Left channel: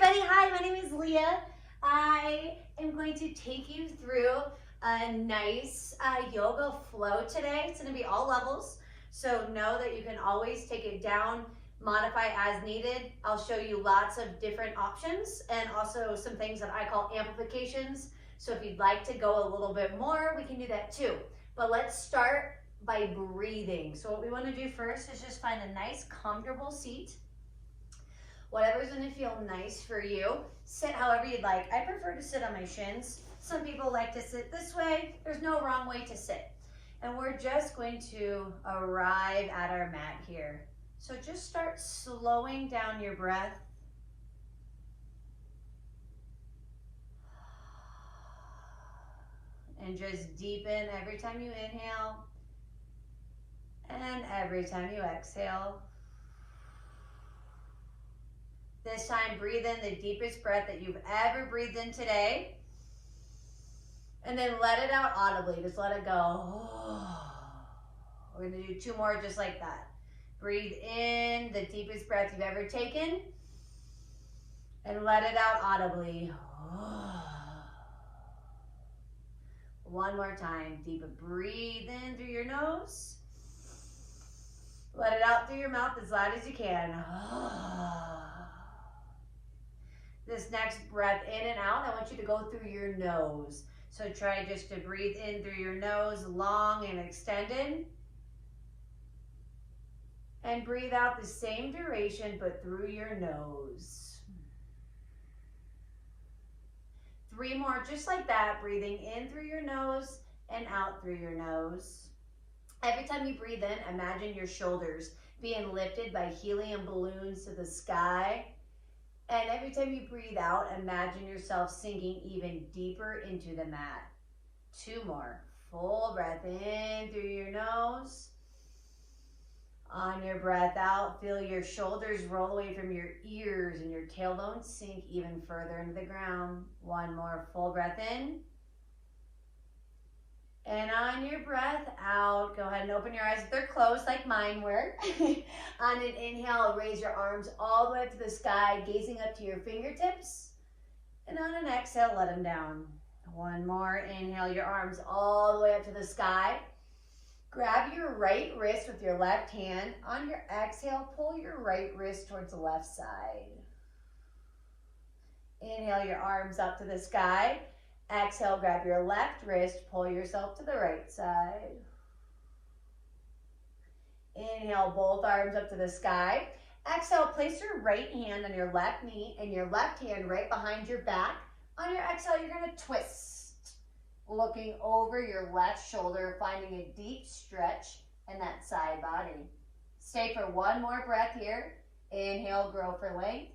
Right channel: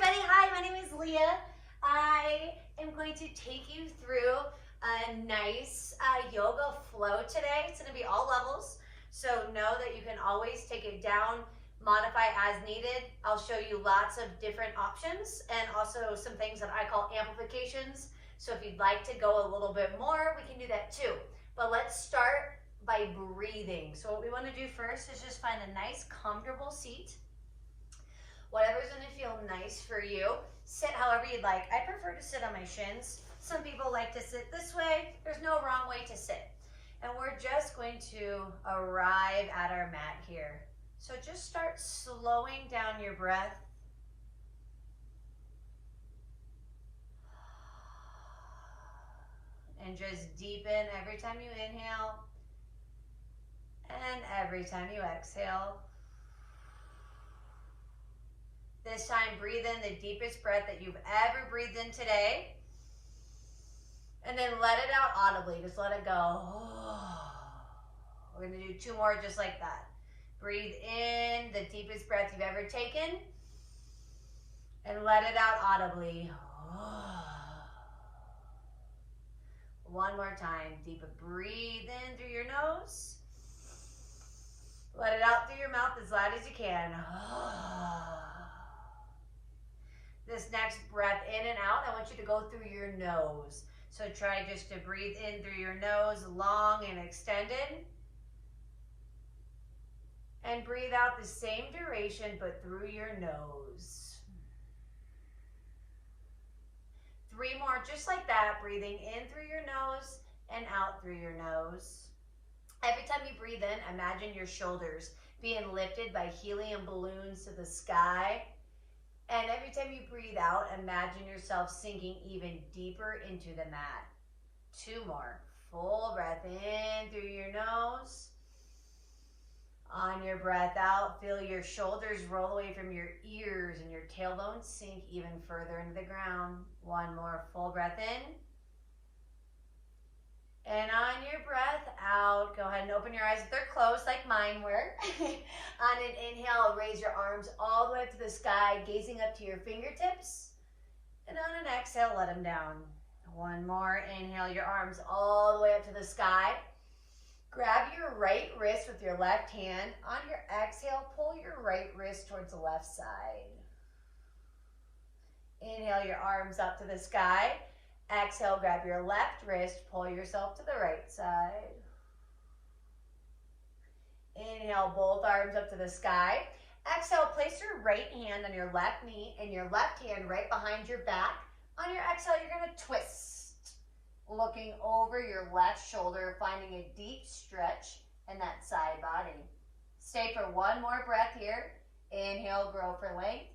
everybody. Hi, my name is Leah. I am going to take you through a nice yoga flow today. It's going to be all levels, so know that you can always take it down, modify as needed. I'll show you lots of different options and also some things that I call amplifications. So if you'd like to go a little bit more, we can do that too. But let's start by breathing. So what we want to do first is just find a nice comfortable seat. Whatever's going to feel nice for you. Sit however you'd like. I prefer to sit on my shins. Some people like to sit this way. There's no wrong way to sit. And we're just going to arrive at our mat here. So just start slowing down your breath. And just deepen every time you inhale and every time you exhale. This time, breathe in the deepest breath that you've ever breathed in today. And then let it out audibly. Just let it go. We're going to do 2 more just like that. Breathe in the deepest breath you've ever taken. And let it out audibly. 1 more time. Deep breathe in through your nose. Let it out through your mouth as loud as you can. This next breath in and out, I want you to go through your nose. So try just to breathe in through your nose, long and extended. And breathe out the same duration, but through your nose. 3 more, just like that, breathing in through your nose and out through your nose. Every time you breathe in, imagine your shoulders being lifted by helium balloons to the sky. And every time you breathe out, imagine yourself sinking even deeper into the mat. 2 more. Full breath in through your nose. On your breath out, feel your shoulders roll away from your ears and your tailbone sink even further into the ground. 1 more. Full breath in. And on your breath out, go ahead and open your eyes if they're closed like mine were. On an inhale, raise your arms all the way up to the sky, gazing up to your fingertips. And on an exhale, let them down. 1 more. Inhale your arms all the way up to the sky. Grab your right wrist with your left hand. On your exhale, pull your right wrist towards the left side. Inhale your arms up to the sky. Exhale, grab your left wrist, pull yourself to the right side. Inhale, both arms up to the sky. Exhale, place your right hand on your left knee and your left hand right behind your back. On your exhale, you're going to twist, looking over your left shoulder, finding a deep stretch in that side body. Stay for 1 more breath here. Inhale, grow for length.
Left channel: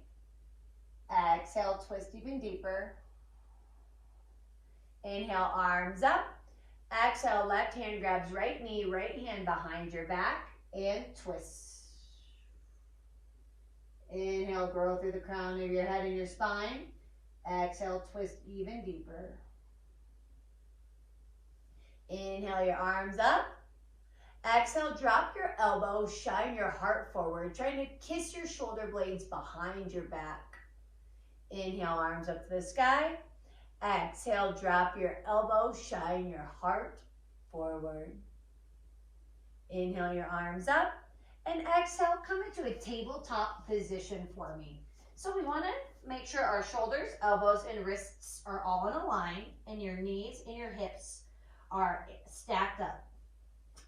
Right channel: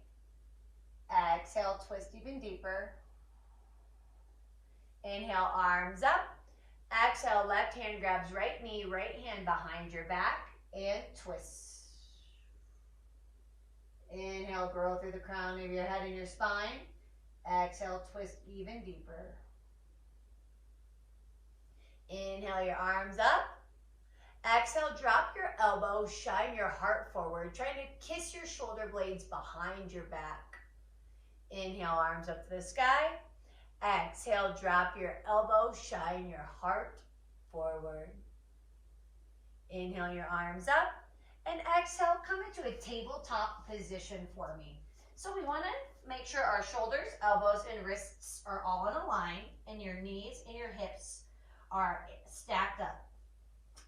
Exhale, twist even deeper. Inhale, arms up. Exhale, left hand grabs right knee, right hand behind your back, and twist. Inhale, grow through the crown of your head and your spine. Exhale, twist even deeper. Inhale your arms up. Exhale, drop your elbows, shine your heart forward, trying to kiss your shoulder blades behind your back. Inhale, arms up to the sky. Exhale, drop your elbows, shine your heart forward. Inhale your arms up, and exhale, come into a tabletop position for me. So we want to make sure our shoulders, elbows, and wrists are all in a line, and your knees and your hips are stacked up.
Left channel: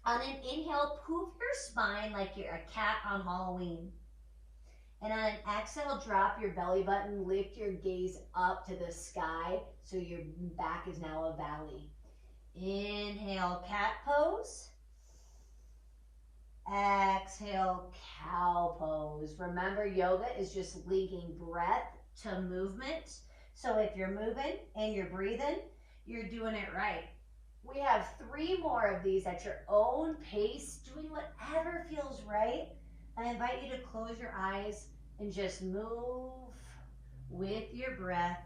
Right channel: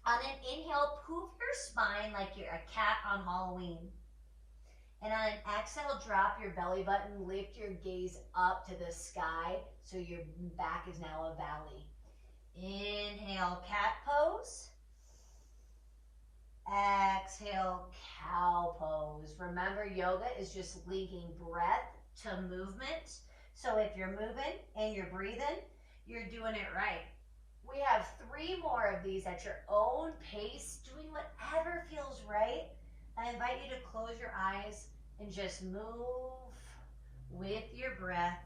On an inhale, poof your spine like you're a cat on Halloween. And on an exhale, drop your belly button, lift your gaze up to the sky so your back is now a valley. Inhale, cat pose. Exhale, cow pose. Remember, yoga is just linking breath to movement. So if you're moving and you're breathing, you're doing it right. We have 3 more of these at your own pace, doing whatever feels right. I invite you to close your eyes and just move with your breath.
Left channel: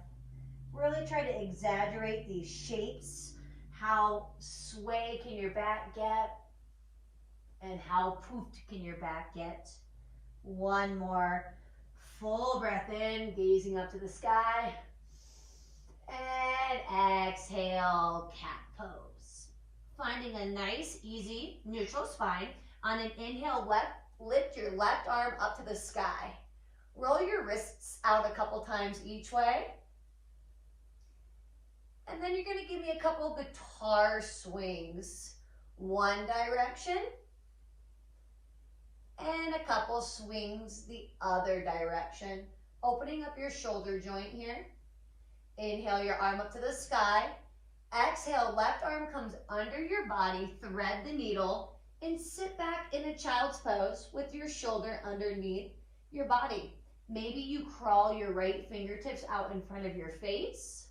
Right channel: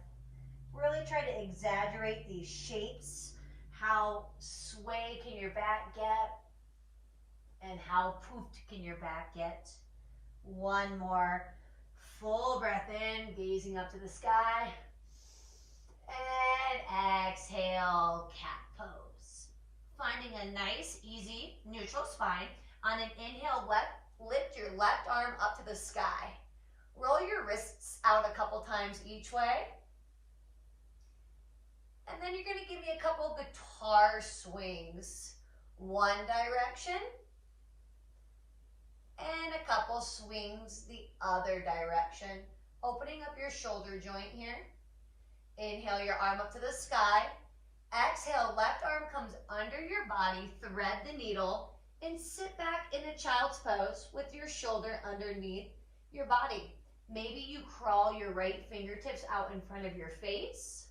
Really try to exaggerate these shapes. How sway can your back get? And how poofed can your back get? 1 more. full breath in, gazing up to the sky. And exhale, cat pose. Finding a nice, easy, neutral spine. On an inhale, lift your left arm up to the sky. Roll your wrists out a couple times each way. And then you're going to give me a couple guitar swings. One direction. And a couple swings the other direction. Opening up your shoulder joint here. Inhale your arm up to the sky. Exhale, left arm comes under your body, thread the needle, and sit back in a child's pose with your shoulder underneath your body. Maybe you crawl your right fingertips out in front of your face.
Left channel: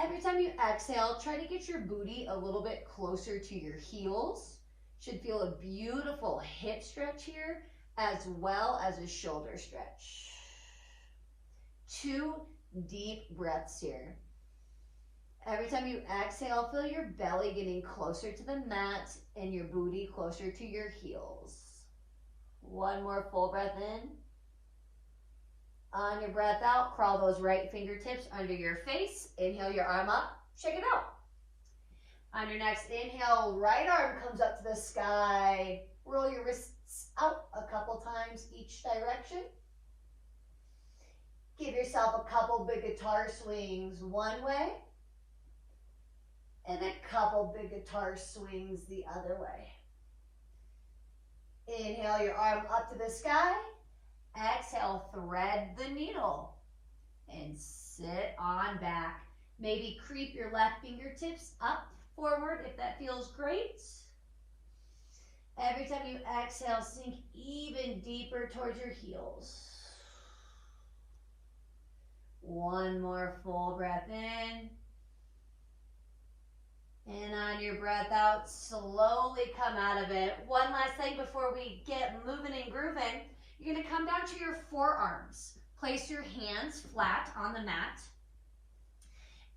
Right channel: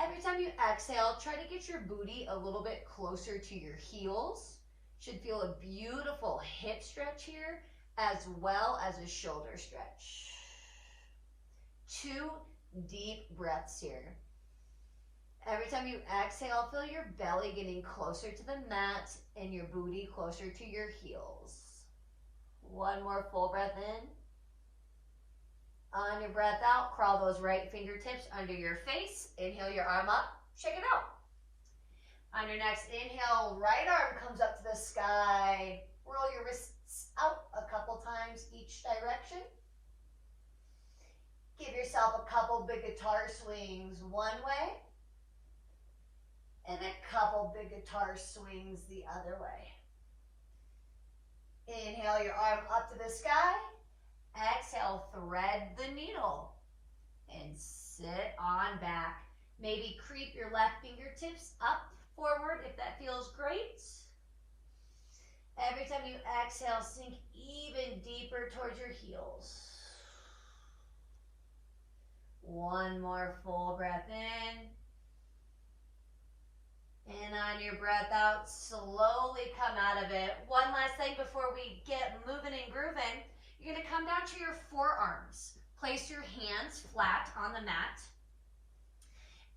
Every time you exhale, try to get your booty a little bit closer to your heels. Should feel a beautiful hip stretch here, as well as a shoulder stretch. 2 deep breaths here. Every time you exhale, feel your belly getting closer to the mat and your booty closer to your heels. One more full breath in. On your breath out, crawl those right fingertips under your face. Inhale your arm up, shake it out. On your next inhale, right arm comes up to the sky. Roll your wrists out a couple times each direction. Give yourself a couple big guitar swings one way. And a couple big guitar swings the other way. Inhale your arm up to the sky. Exhale, thread the needle. And sit on back. Maybe creep your left fingertips up forward if that feels great. Every time you exhale, sink even deeper towards your heels. One more full breath in. And on your breath out, slowly come out of it. One last thing before we get moving and grooving. You're going to come down to your forearms. Place your hands flat on the mat.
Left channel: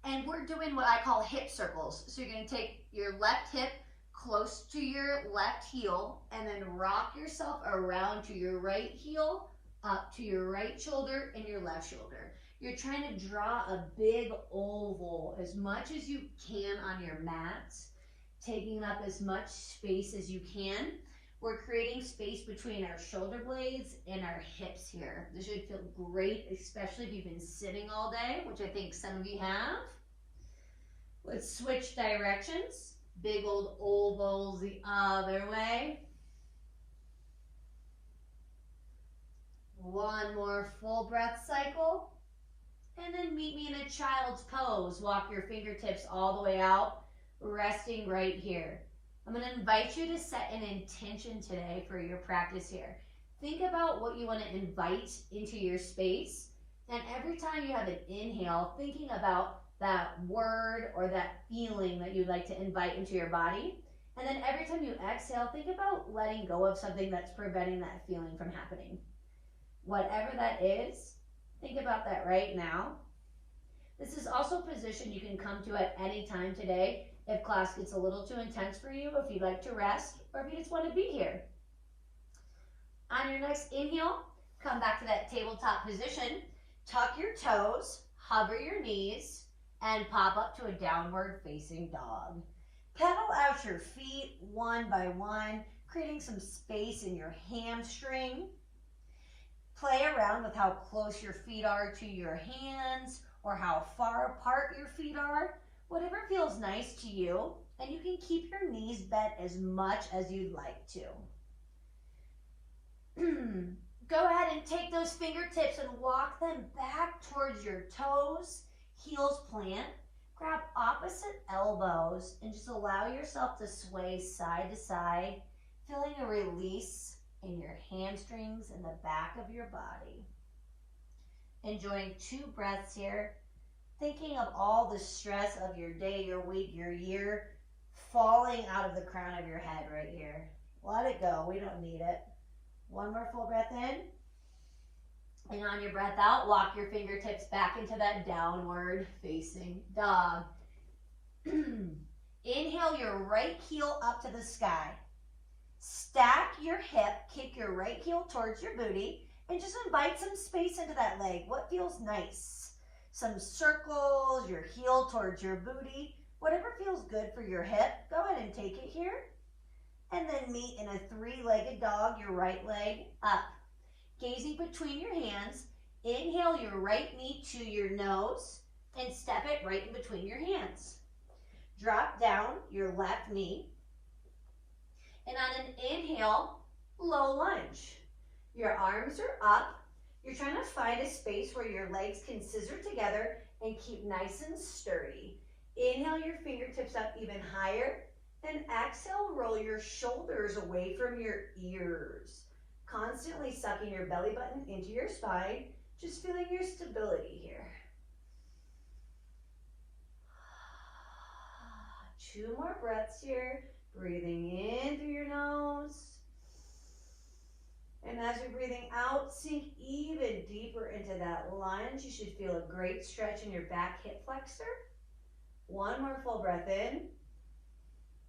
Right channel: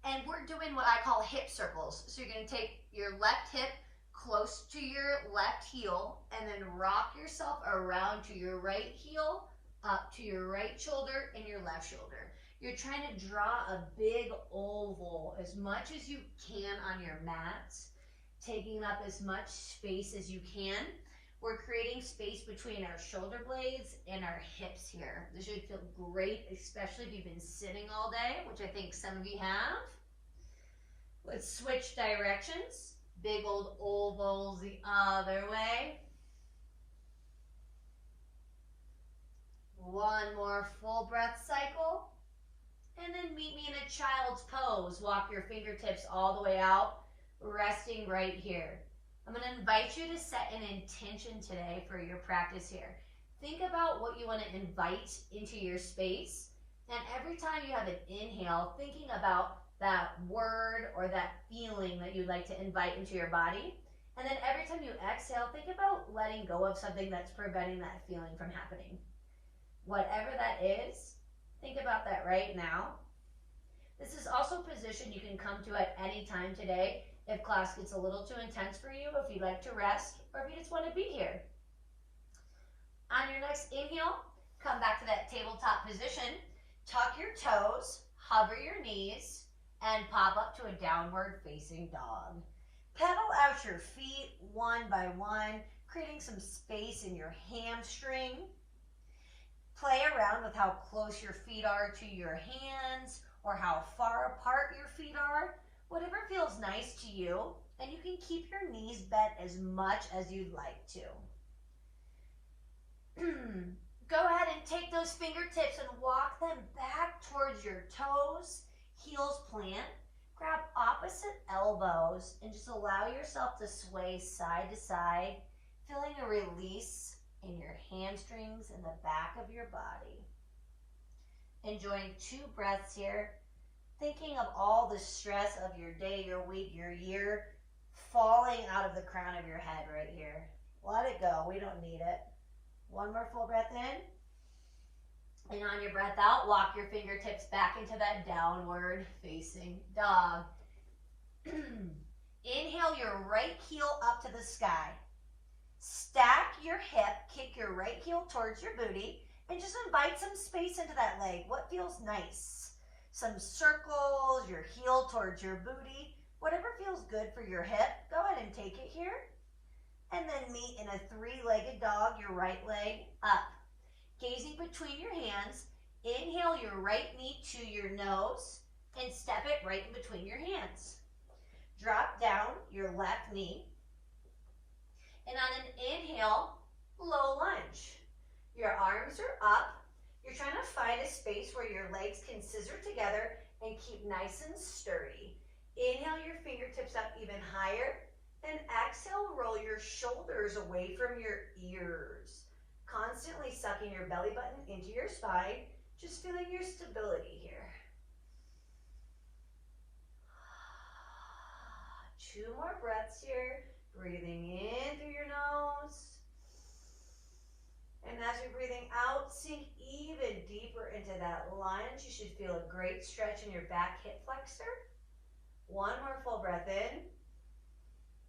And we're doing what I call hip circles. So you're going to take your left hip close to your left heel and then rock yourself around to your right heel, up to your right shoulder and your left shoulder. You're trying to draw a big oval as much as you can on your mat, taking up as much space as you can. We're creating space between our shoulder blades and our hips here. This should feel great, especially if you've been sitting all day, which I think some of you have. Let's switch directions. Big old ovals the other way. One more full breath cycle. And then meet me in a child's pose. Walk your fingertips all the way out, resting right here. I'm going to invite you to set an intention today for your practice here. Think about what you want to invite into your space. And every time you have an inhale, thinking about that word or that feeling that you'd like to invite into your body. And then every time you exhale, think about letting go of something that's preventing that feeling from happening. Whatever that is, think about that right now. This is also a position you can come to at any time today if class gets a little too intense for you, if you'd like to rest, or if you just want to be here. On your next inhale, come back to that tabletop position. Tuck your toes, hover your knees, and pop up to a downward facing dog. Pedal out your feet one by one, creating some space in your hamstring. Play around with how close your feet are to your hands or how far apart your feet are. Whatever feels nice to you, and you can keep your knees bent as much as you'd like to. Go ahead and take those fingertips and walk them back towards your toes, heels plant. Grab opposite elbows and just allow yourself to sway side to side, feeling a release in your hamstrings and the back of your body. Enjoying 2 breaths here, thinking of all the stress of your day, your week, your year, falling out of the crown of your head right here. Let it go. We don't need it. One more full breath in. And on your breath out, walk your fingertips back into that downward facing dog. Inhale your right heel up to the sky. Stack your hip, kick your right heel towards your booty, And just invite some space into that leg. What feels nice? Some circles, your heel towards your booty. Whatever feels good for your hip, go ahead and take it here. And then meet in a three-legged dog, your right leg up. Gazing between your hands, inhale your right knee to your nose and step it right in between your hands. Drop down your left knee. And on an inhale, low lunge. Your arms are up. You're trying to find a space where your legs can scissor together and keep nice and sturdy. Inhale your fingertips up even higher. And exhale, roll your shoulders away from your ears. Constantly sucking your belly button into your spine. Just feeling your stability here. 2 more breaths here. Breathing in through your nose. And as you're breathing out, sink even deeper into that lunge. You should feel a great stretch in your back hip flexor. 1 more full breath in.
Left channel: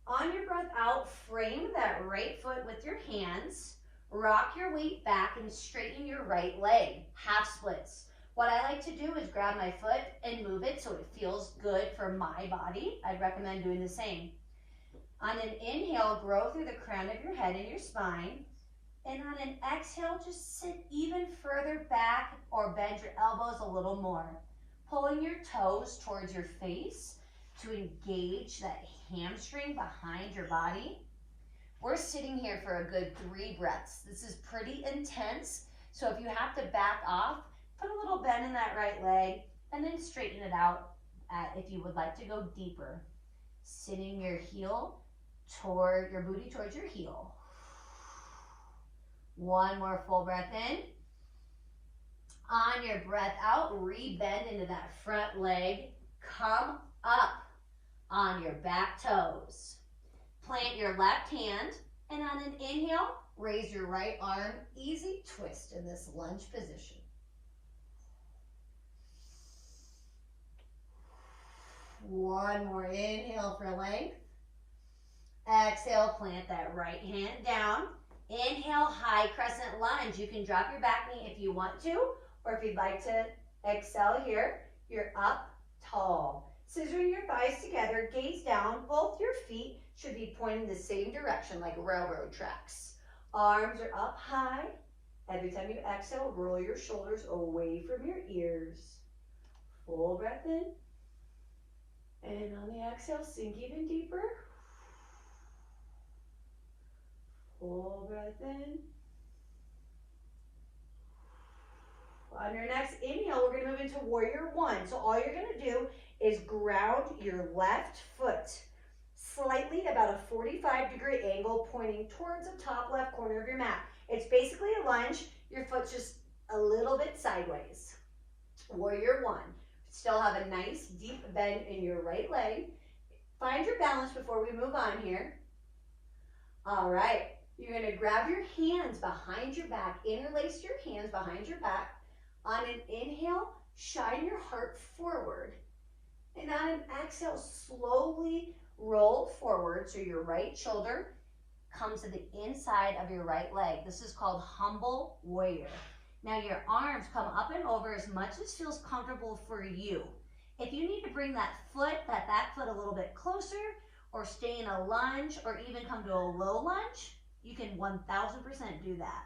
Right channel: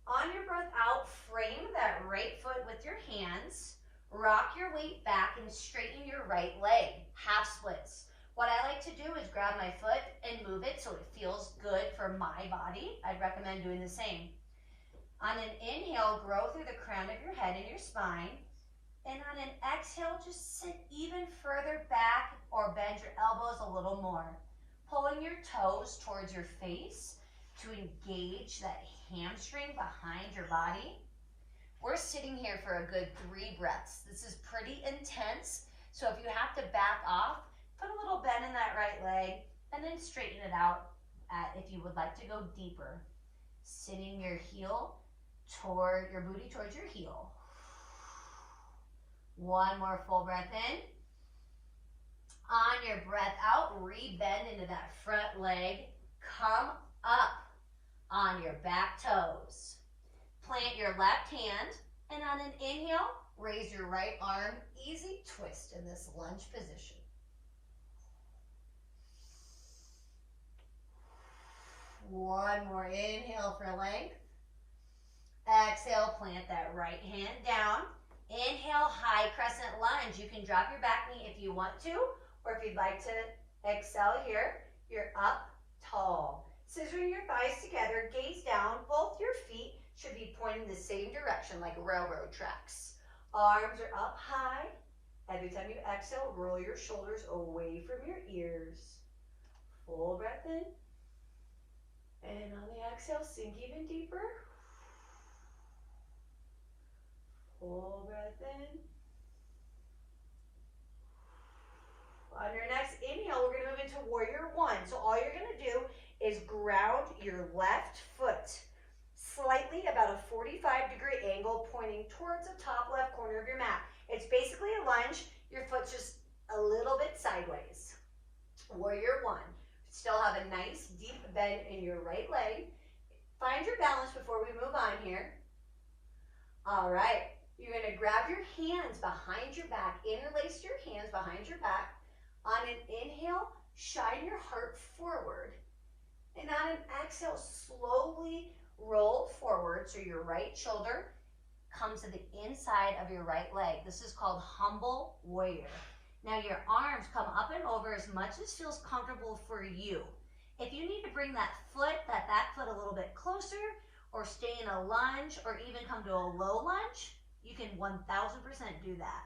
On your breath out, frame that right foot with your hands. Rock your weight back and straighten your right leg. Half splits. What I like to do is grab my foot and move it so it feels good for my body. I'd recommend doing the same. On an inhale, grow through the crown of your head and your spine. And on an exhale, just sit even further back or bend your elbows a little more. Pulling your toes towards your face to engage that hamstring behind your body. We're sitting here for a good 3 breaths. This is pretty intense. So if you have to back off, put a little bend in that right leg and then straighten it out if you would like to go deeper. Sitting your heel toward your booty towards your heel. 1 more full breath in. On your breath out, re-bend into that front leg. Come up on your back toes. Plant your left hand, and on an inhale, raise your right arm. Easy twist in this lunge position. One more inhale for length. Exhale, plant that right hand down. Inhale, high crescent lunge. You can drop your back knee if you want to, or if you'd like to excel here, you're up tall. Scissoring your thighs together, gaze down. Both your feet should be pointing the same direction like railroad tracks. Arms are up high. Every time you exhale, roll your shoulders away from your ears. Full breath in. And on the exhale, sink even deeper. Full breath in. On your next inhale, we're going to move into warrior 1. So all you're going to do is ground your left foot slightly about a 45-degree angle pointing towards the top left corner of your mat. It's basically a lunge. Your foot's just a little bit sideways. Warrior 1. Still have a nice deep bend in your right leg. Find your balance before we move on here. All right. You're going to grab your hands behind your back. Interlace your hands behind your back. On an inhale, shine your heart forward. And on an exhale, slowly roll forward so your right shoulder comes to the inside of your right leg. This is called humble warrior. Now your arms come up and over as much as feels comfortable for you. If you need to bring that back foot a little bit closer, or stay in a lunge, or even come to a low lunge, you can 1000% do that.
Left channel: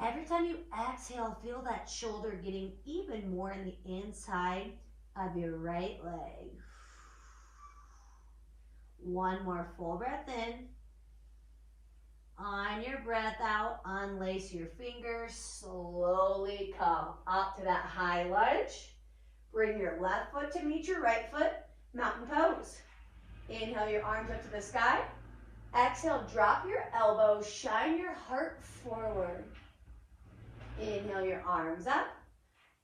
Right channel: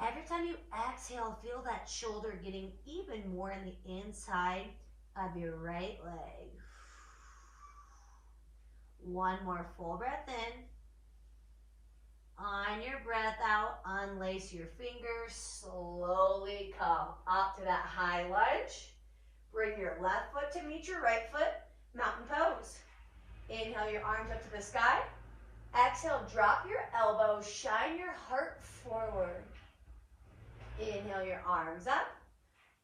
Every time you exhale, feel that shoulder getting even more in the inside of your right leg. 1 more full breath in. On your breath out, unlace your fingers. Slowly come up to that high lunge. Bring your left foot to meet your right foot. Mountain pose. Inhale your arms up to the sky. Exhale, drop your elbows. Shine your heart forward. Inhale your arms up.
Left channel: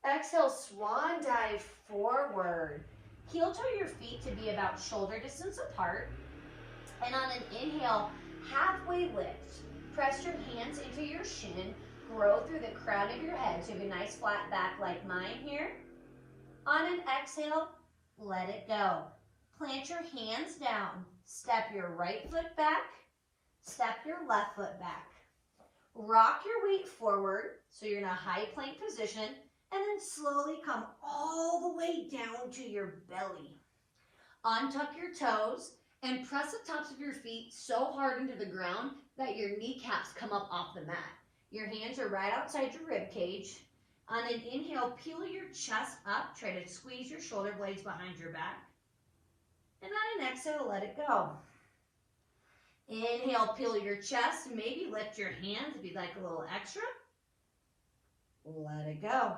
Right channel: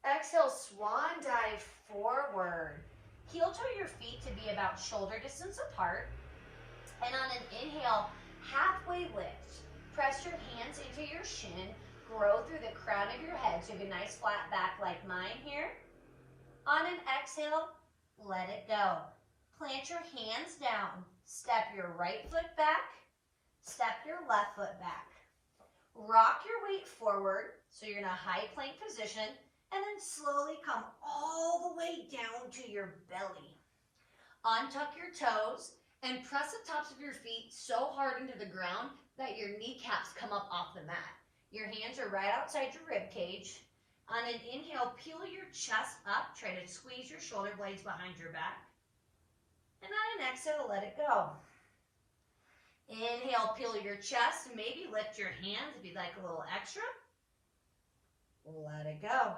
Exhale, swan dive forward. Heel toe your feet to be about shoulder distance apart. And on an inhale, halfway lift. Press your hands into your shin. Grow through the crown of your head. So you have a nice flat back like mine here. On an exhale, let it go. Plant your hands down. Step your right foot back. Step your left foot back. Rock your weight forward, so you're in a high plank position, and then slowly come all the way down to your belly. Untuck your toes and press the tops of your feet so hard into the ground that your kneecaps come up off the mat. Your hands are right outside your rib cage. On an inhale, peel your chest up. Try to squeeze your shoulder blades behind your back. And on an exhale, let it go. Inhale, peel your chest. Maybe lift your hands if you'd like a little extra. Let it go.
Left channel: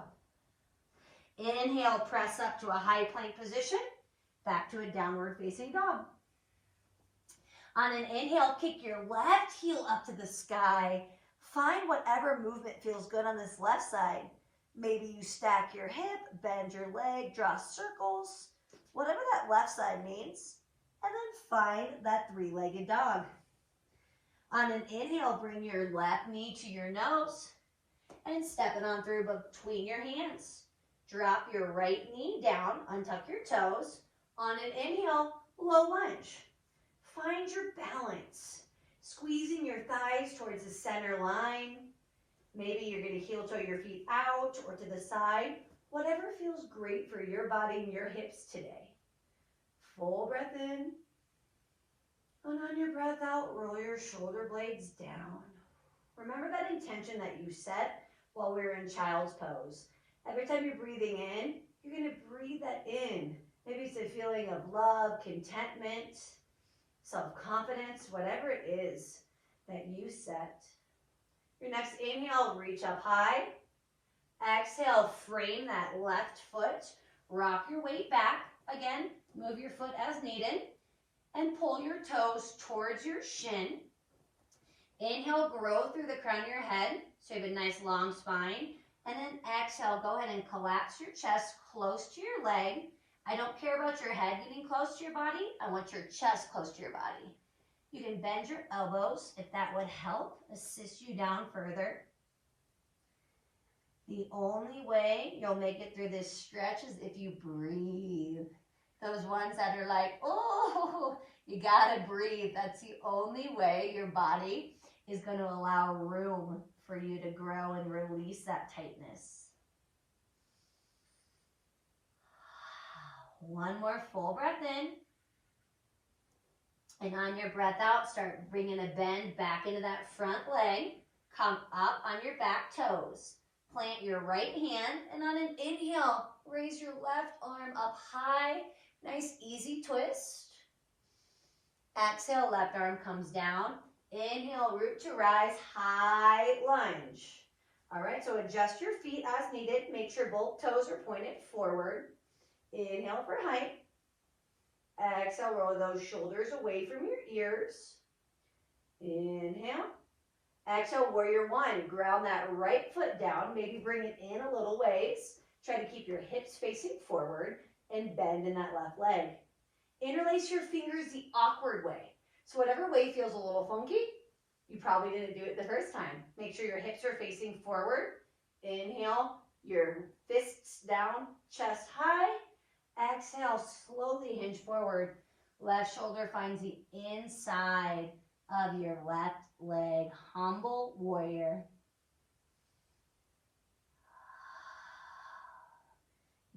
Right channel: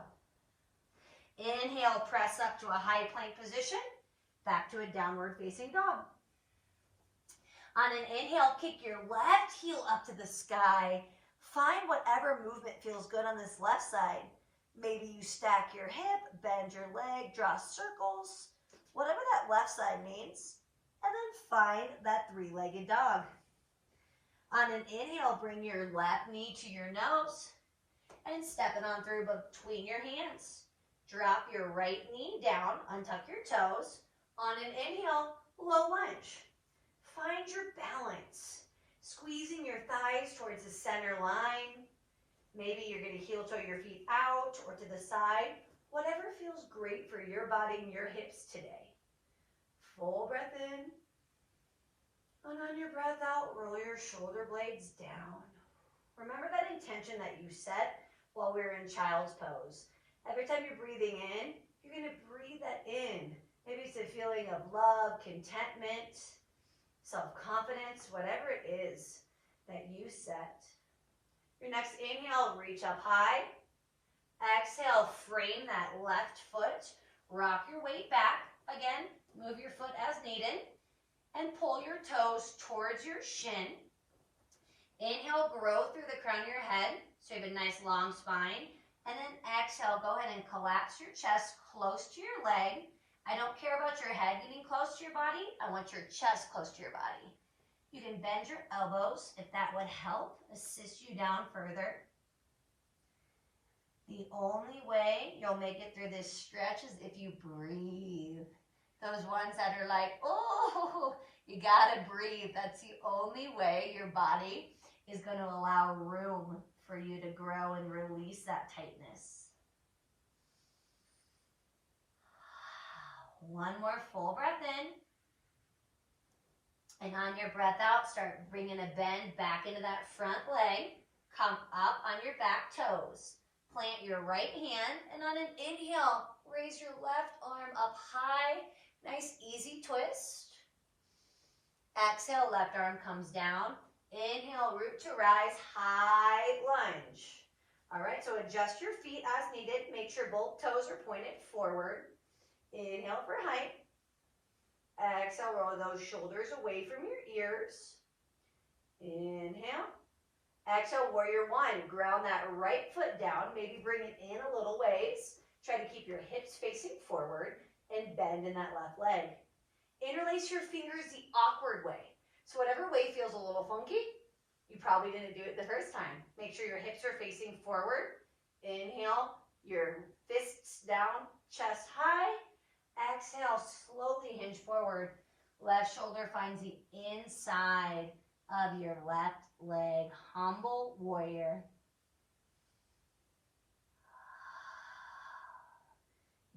Inhale, press up to a high plank position. Back to a downward facing dog. On an inhale, kick your left heel up to the sky. Find whatever movement feels good on this left side. Maybe you stack your hip, bend your leg, draw circles, whatever that left side means. And then find that three-legged dog. On an inhale, bring your left knee to your nose and step it on through between your hands. Drop your right knee down, untuck your toes. On an inhale, low lunge. Find your balance, squeezing your thighs towards the center line. Maybe you're going to heel toe your feet out or to the side, whatever feels great for your body and your hips today. Full breath in, and on your breath out, roll your shoulder blades down. Remember that intention that you set while we were in child's pose. Every time you're breathing in, you're going to breathe that in. Maybe it's a feeling of love, contentment, self-confidence, whatever it is that you set. Your next inhale, reach up high. Exhale, frame that left foot. Rock your weight back. Again, move your foot as needed. And pull your toes towards your shin. Inhale, grow through the crown of your head, so you have a nice long spine. And then exhale, go ahead and collapse your chest close to your leg. I don't care about your head getting close to your body. I want your chest close to your body. You can bend your elbows if that would help assist you down further. The only way you'll make it through this stretch is if you breathe. Those ones that are like, oh, you gotta breathe. That's the only way your body is going to allow room for you to grow and release that tightness. One more full breath in. And on your breath out, start bringing a bend back into that front leg. Come up on your back toes. Plant your right hand, and on an inhale, raise your left arm up high. Nice, easy twist. Exhale, left arm comes down. Inhale, root to rise, high lunge. All right, so adjust your feet as needed. Make sure both toes are pointed forward. Inhale for height. Exhale, roll those shoulders away from your ears. Inhale. Exhale, warrior one. Ground that right foot down. Maybe bring it in a little ways. Try to keep your hips facing forward and bend in that left leg. Interlace your fingers the awkward way. So whatever way feels a little funky, you probably didn't do it the first time. Make sure your hips are facing forward. Inhale, your fists down, chest high. Exhale, slowly hinge forward. Left shoulder finds the inside of your left leg. Humble warrior.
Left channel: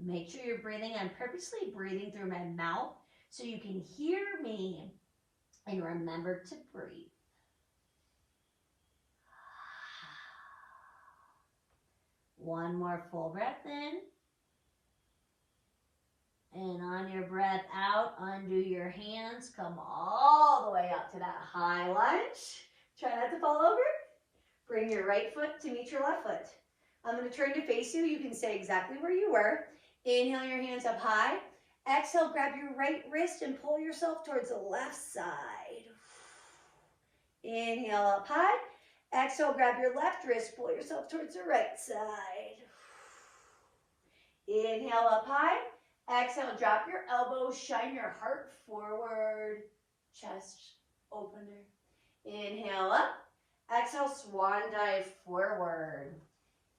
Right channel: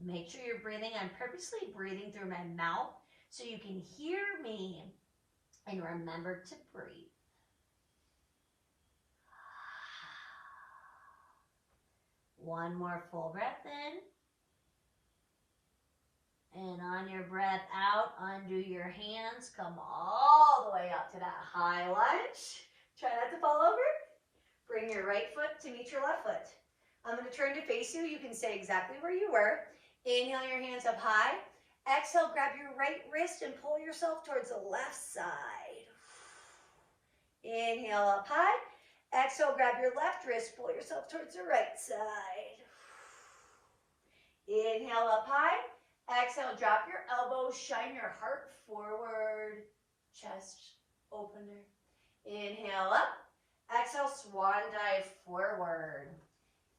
Make sure you're breathing. I'm purposely breathing through my mouth so you can hear me and remember to breathe. One more full breath in. And on your breath out, undo your hands. Come all the way up to that high lunge. Try not to fall over. Bring your right foot to meet your left foot. I'm going to turn to face you. You can stay exactly where you were. Inhale your hands up high. Exhale, grab your right wrist and pull yourself towards the left side. Inhale up high. Exhale, grab your left wrist, pull yourself towards the right side. Inhale up high. Exhale, drop your elbows, shine your heart forward, chest opener. Inhale up. Exhale, swan dive forward.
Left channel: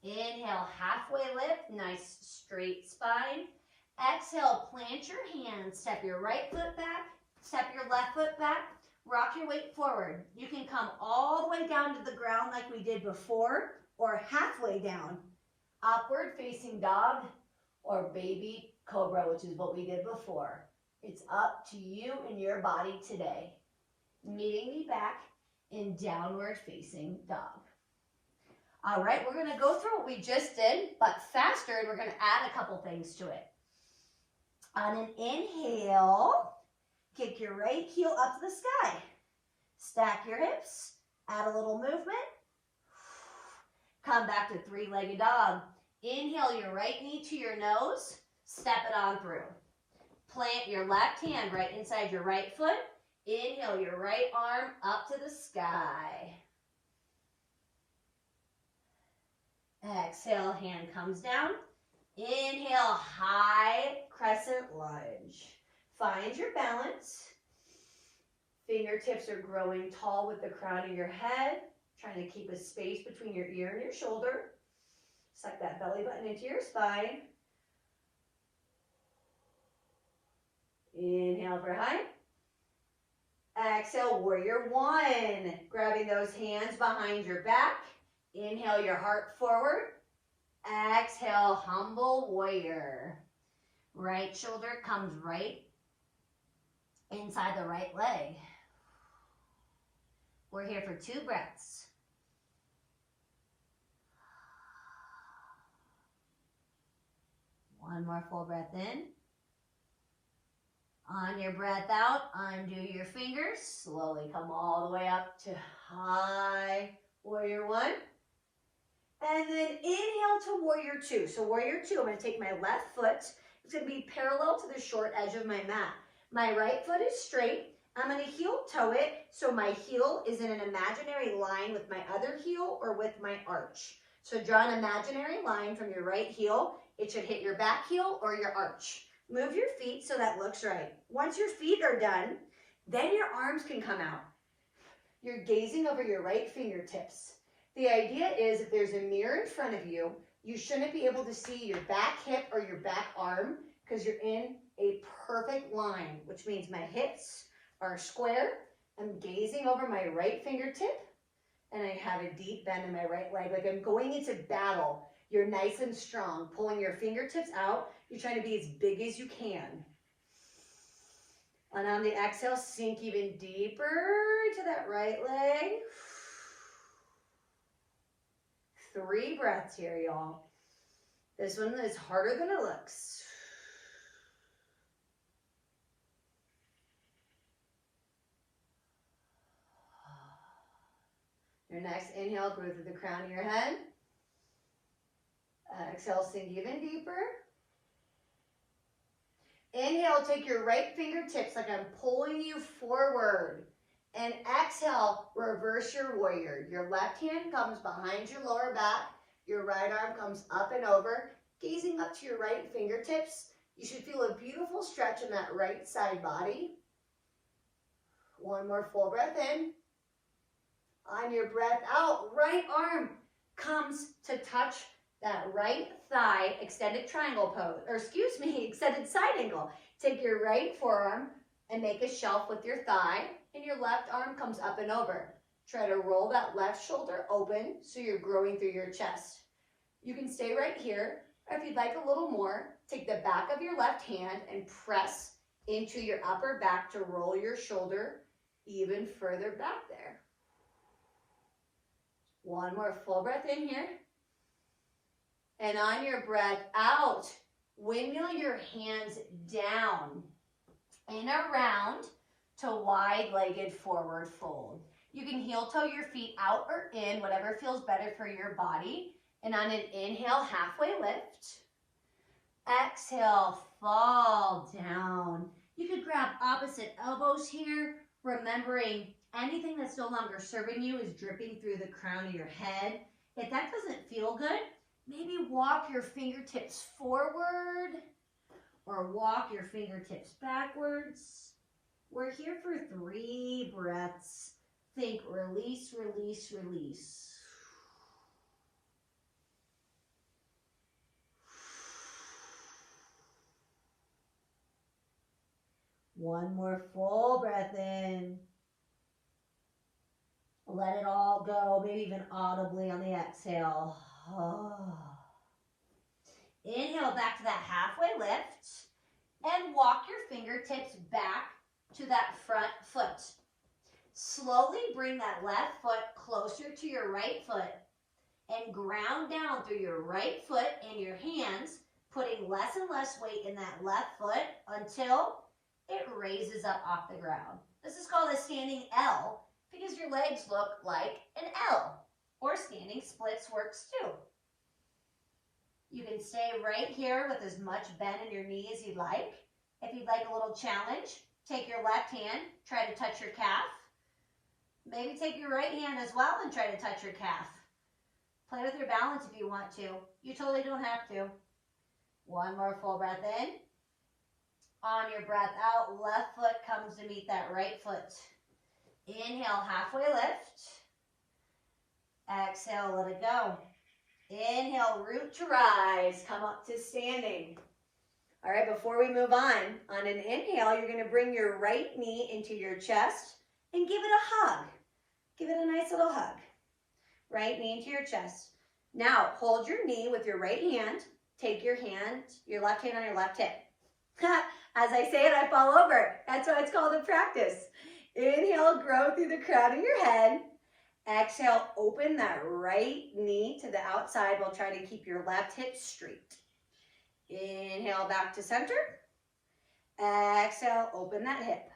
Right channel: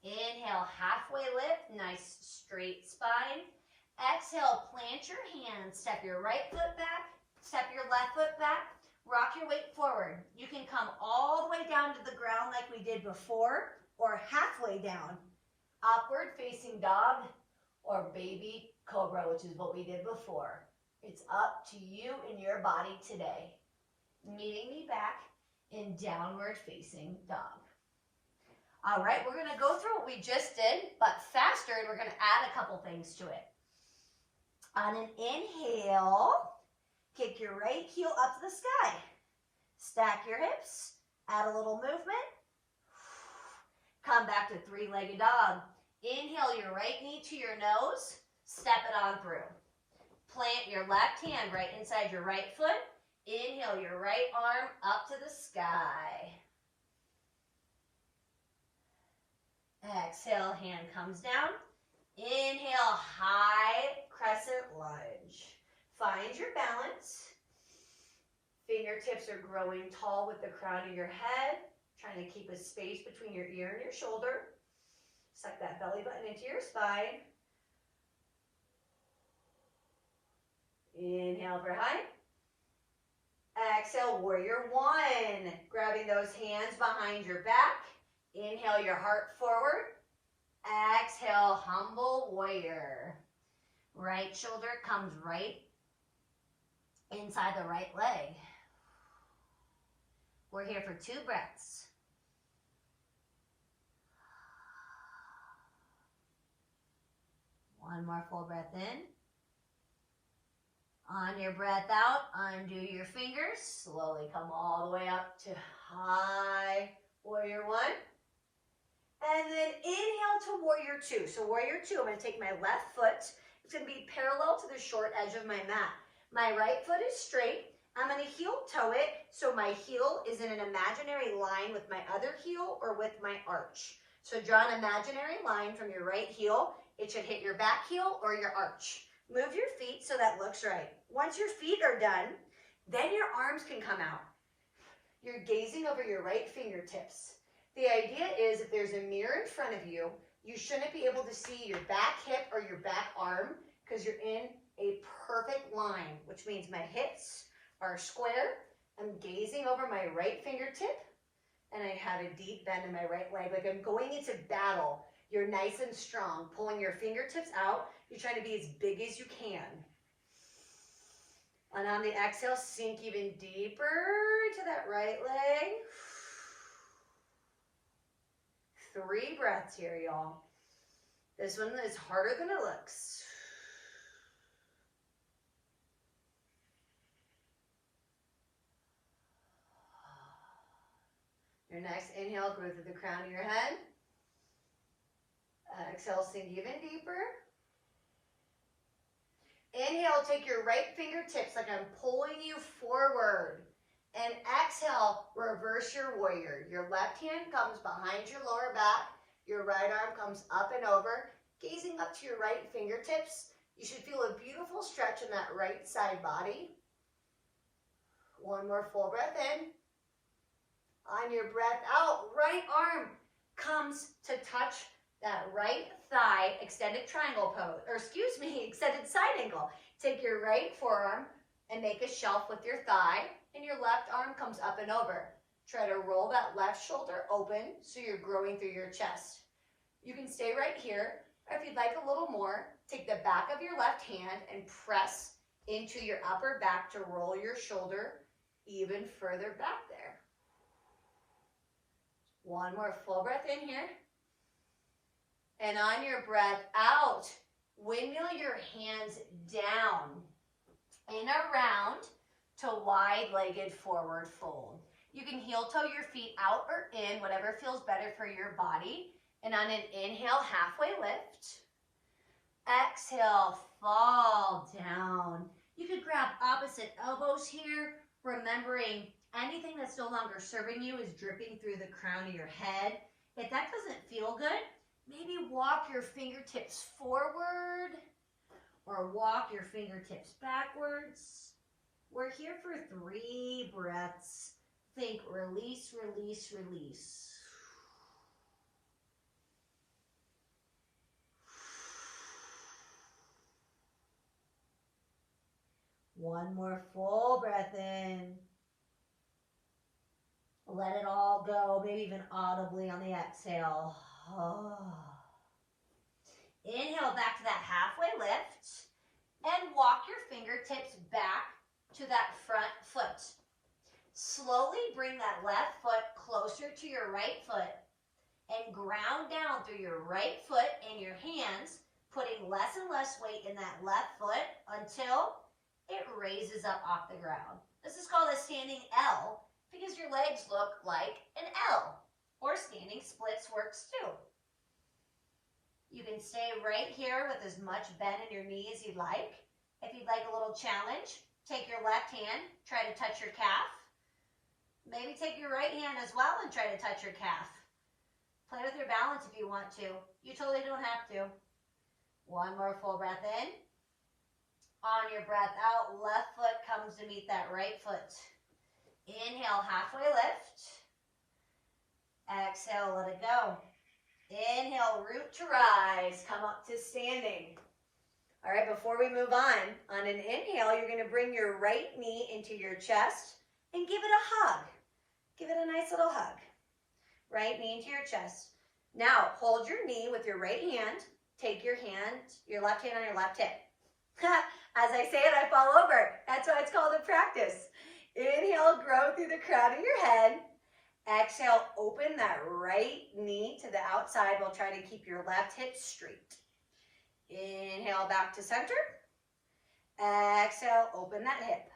Inhale, halfway lift, nice straight spine. Exhale, plant your hands, step your right foot back, step your left foot back. Rock your weight forward. You can come all the way down to the ground like we did before, or halfway down. Upward facing dog or baby cobra, which is what we did before. It's up to you and your body today. Meeting me back in downward facing dog. All right, we're gonna go through what we just did, but faster, and we're gonna add a couple things to it. On an inhale, kick your right heel up to the sky. Stack your hips, add a little movement. Come back to three-legged dog. Inhale your right knee to your nose, step it on through. Plant your left hand right inside your right foot. Inhale your right arm up to the sky. Exhale, hand comes down. Inhale, high crescent lunge. Find your balance. Fingertips are growing tall with the crown of your head, trying to keep a space between your ear and your shoulder. Suck that belly button into your spine. Inhale for high. Exhale, warrior one. Grabbing those hands behind your back. Inhale your heart forward. Exhale, humble warrior. Right shoulder comes right inside the right leg. We're here for 2 breaths. One more full breath in. On your breath out, undo your fingers. Slowly come all the way up to high warrior one. And then inhale to warrior two. So warrior two, I'm going to take my left foot. It's going to be parallel to the short edge of my mat. My right foot is straight. I'm going to heel toe it so my heel is in an imaginary line with my other heel or with my arch. So draw an imaginary line from your right heel. It should hit your back heel or your arch. Move your feet so that looks right. Once your feet are done, then your arms can come out. You're gazing over your right fingertips. The idea is if there's a mirror in front of you, you shouldn't be able to see your back hip or your back arm because you're in a perfect line, which means my hips are square. I'm gazing over my right fingertip and I have a deep bend in my right leg, like I'm going into battle. You're nice and strong, pulling your fingertips out. You're trying to be as big as you can. And on the exhale, sink even deeper to that right leg. 3 breaths here, y'all. This one is harder than it looks. Your next inhale, go through the crown of your head. Exhale, sink even deeper. Inhale, take your right fingertips like I'm pulling you forward. And exhale, reverse your warrior. Your left hand comes behind your lower back. Your right arm comes up and over. Gazing up to your right fingertips. You should feel a beautiful stretch in that right side body. One more full breath in. On your breath out, right arm comes to touch that right thigh, extended triangle pose, or excuse me, extended side angle. Take your right forearm and make a shelf with your thigh, and your left arm comes up and over. Try to roll that left shoulder open so you're growing through your chest. You can stay right here, or if you'd like a little more, take the back of your left hand and press into your upper back to roll your shoulder even further back there. One more full breath in here. And on your breath out, windmill your hands down and around to wide-legged forward fold. You can heel toe your feet out or in, whatever feels better for your body. And on an inhale, halfway lift. Exhale, fall down. You could grab opposite elbows here, remembering anything that's no longer serving you is dripping through the crown of your head. If that doesn't feel good, maybe walk your fingertips forward or walk your fingertips backwards. We're here for 3 breaths. Think release, release, release. One more full breath in. Let it all go, maybe even audibly on the exhale. Inhale back to that halfway lift and walk your fingertips back to that front foot. Slowly bring that left foot closer to your right foot and ground down through your right foot and your hands, putting less and less weight in that left foot until it raises up off the ground. This is called a standing L because your legs look like an L, or standing splits works too. You can stay right here with as much bend in your knee as you'd like. If you'd like a little challenge, take your left hand, try to touch your calf. Maybe take your right hand as well and try to touch your calf. Play with your balance if you want to. You totally don't have to. One more full breath in. On your breath out, left foot comes to meet that right foot. Inhale, halfway lift. Exhale, let it go. Inhale, root to rise. Come up to standing. All right, before we move on an inhale, you're going to bring your right knee into your chest and give it a hug. Give it a nice little hug. Right knee into your chest. Now, hold your knee with your right hand. Take your left hand on your left hip. As I say it, I fall over. That's why it's called a practice. Inhale, grow through the crown of your head. Exhale, open that right knee to the outside. We'll try to keep your left hip straight. Inhale, back to center. Exhale, open that hip.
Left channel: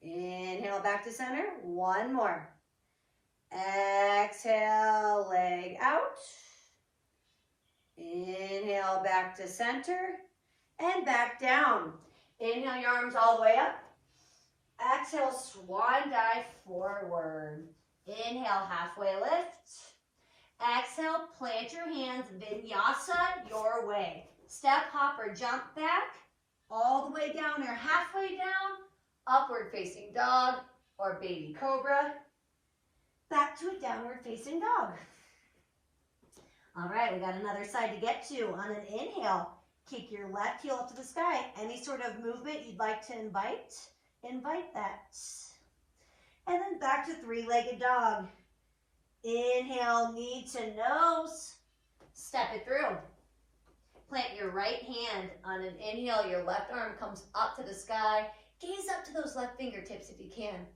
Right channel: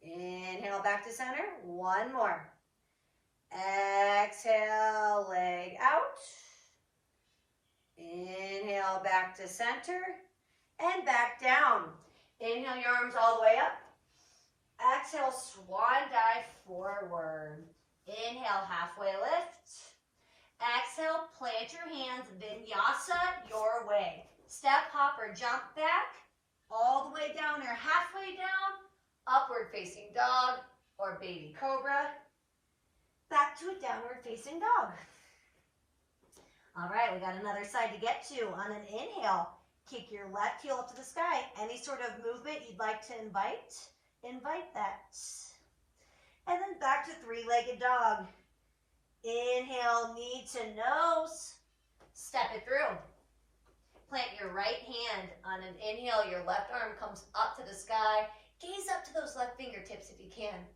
Inhale, back to center. One more. Exhale, leg out. Inhale, back to center and back down. Inhale your arms all the way up. Exhale, swan dive forward. Inhale, halfway lift. Exhale, plant your hands, vinyasa your way. Step, hop, or jump back, all the way down or halfway down, upward facing dog or baby cobra. Back to a downward facing dog. All right, we got another side to get to. On an inhale, kick your left heel up to the sky. Any sort of movement you'd like to invite that. And then back to three-legged dog. Inhale, knee to nose. Step it through. Plant your right hand. On an inhale, your left arm comes up to the sky. Gaze up to those left fingertips if you can.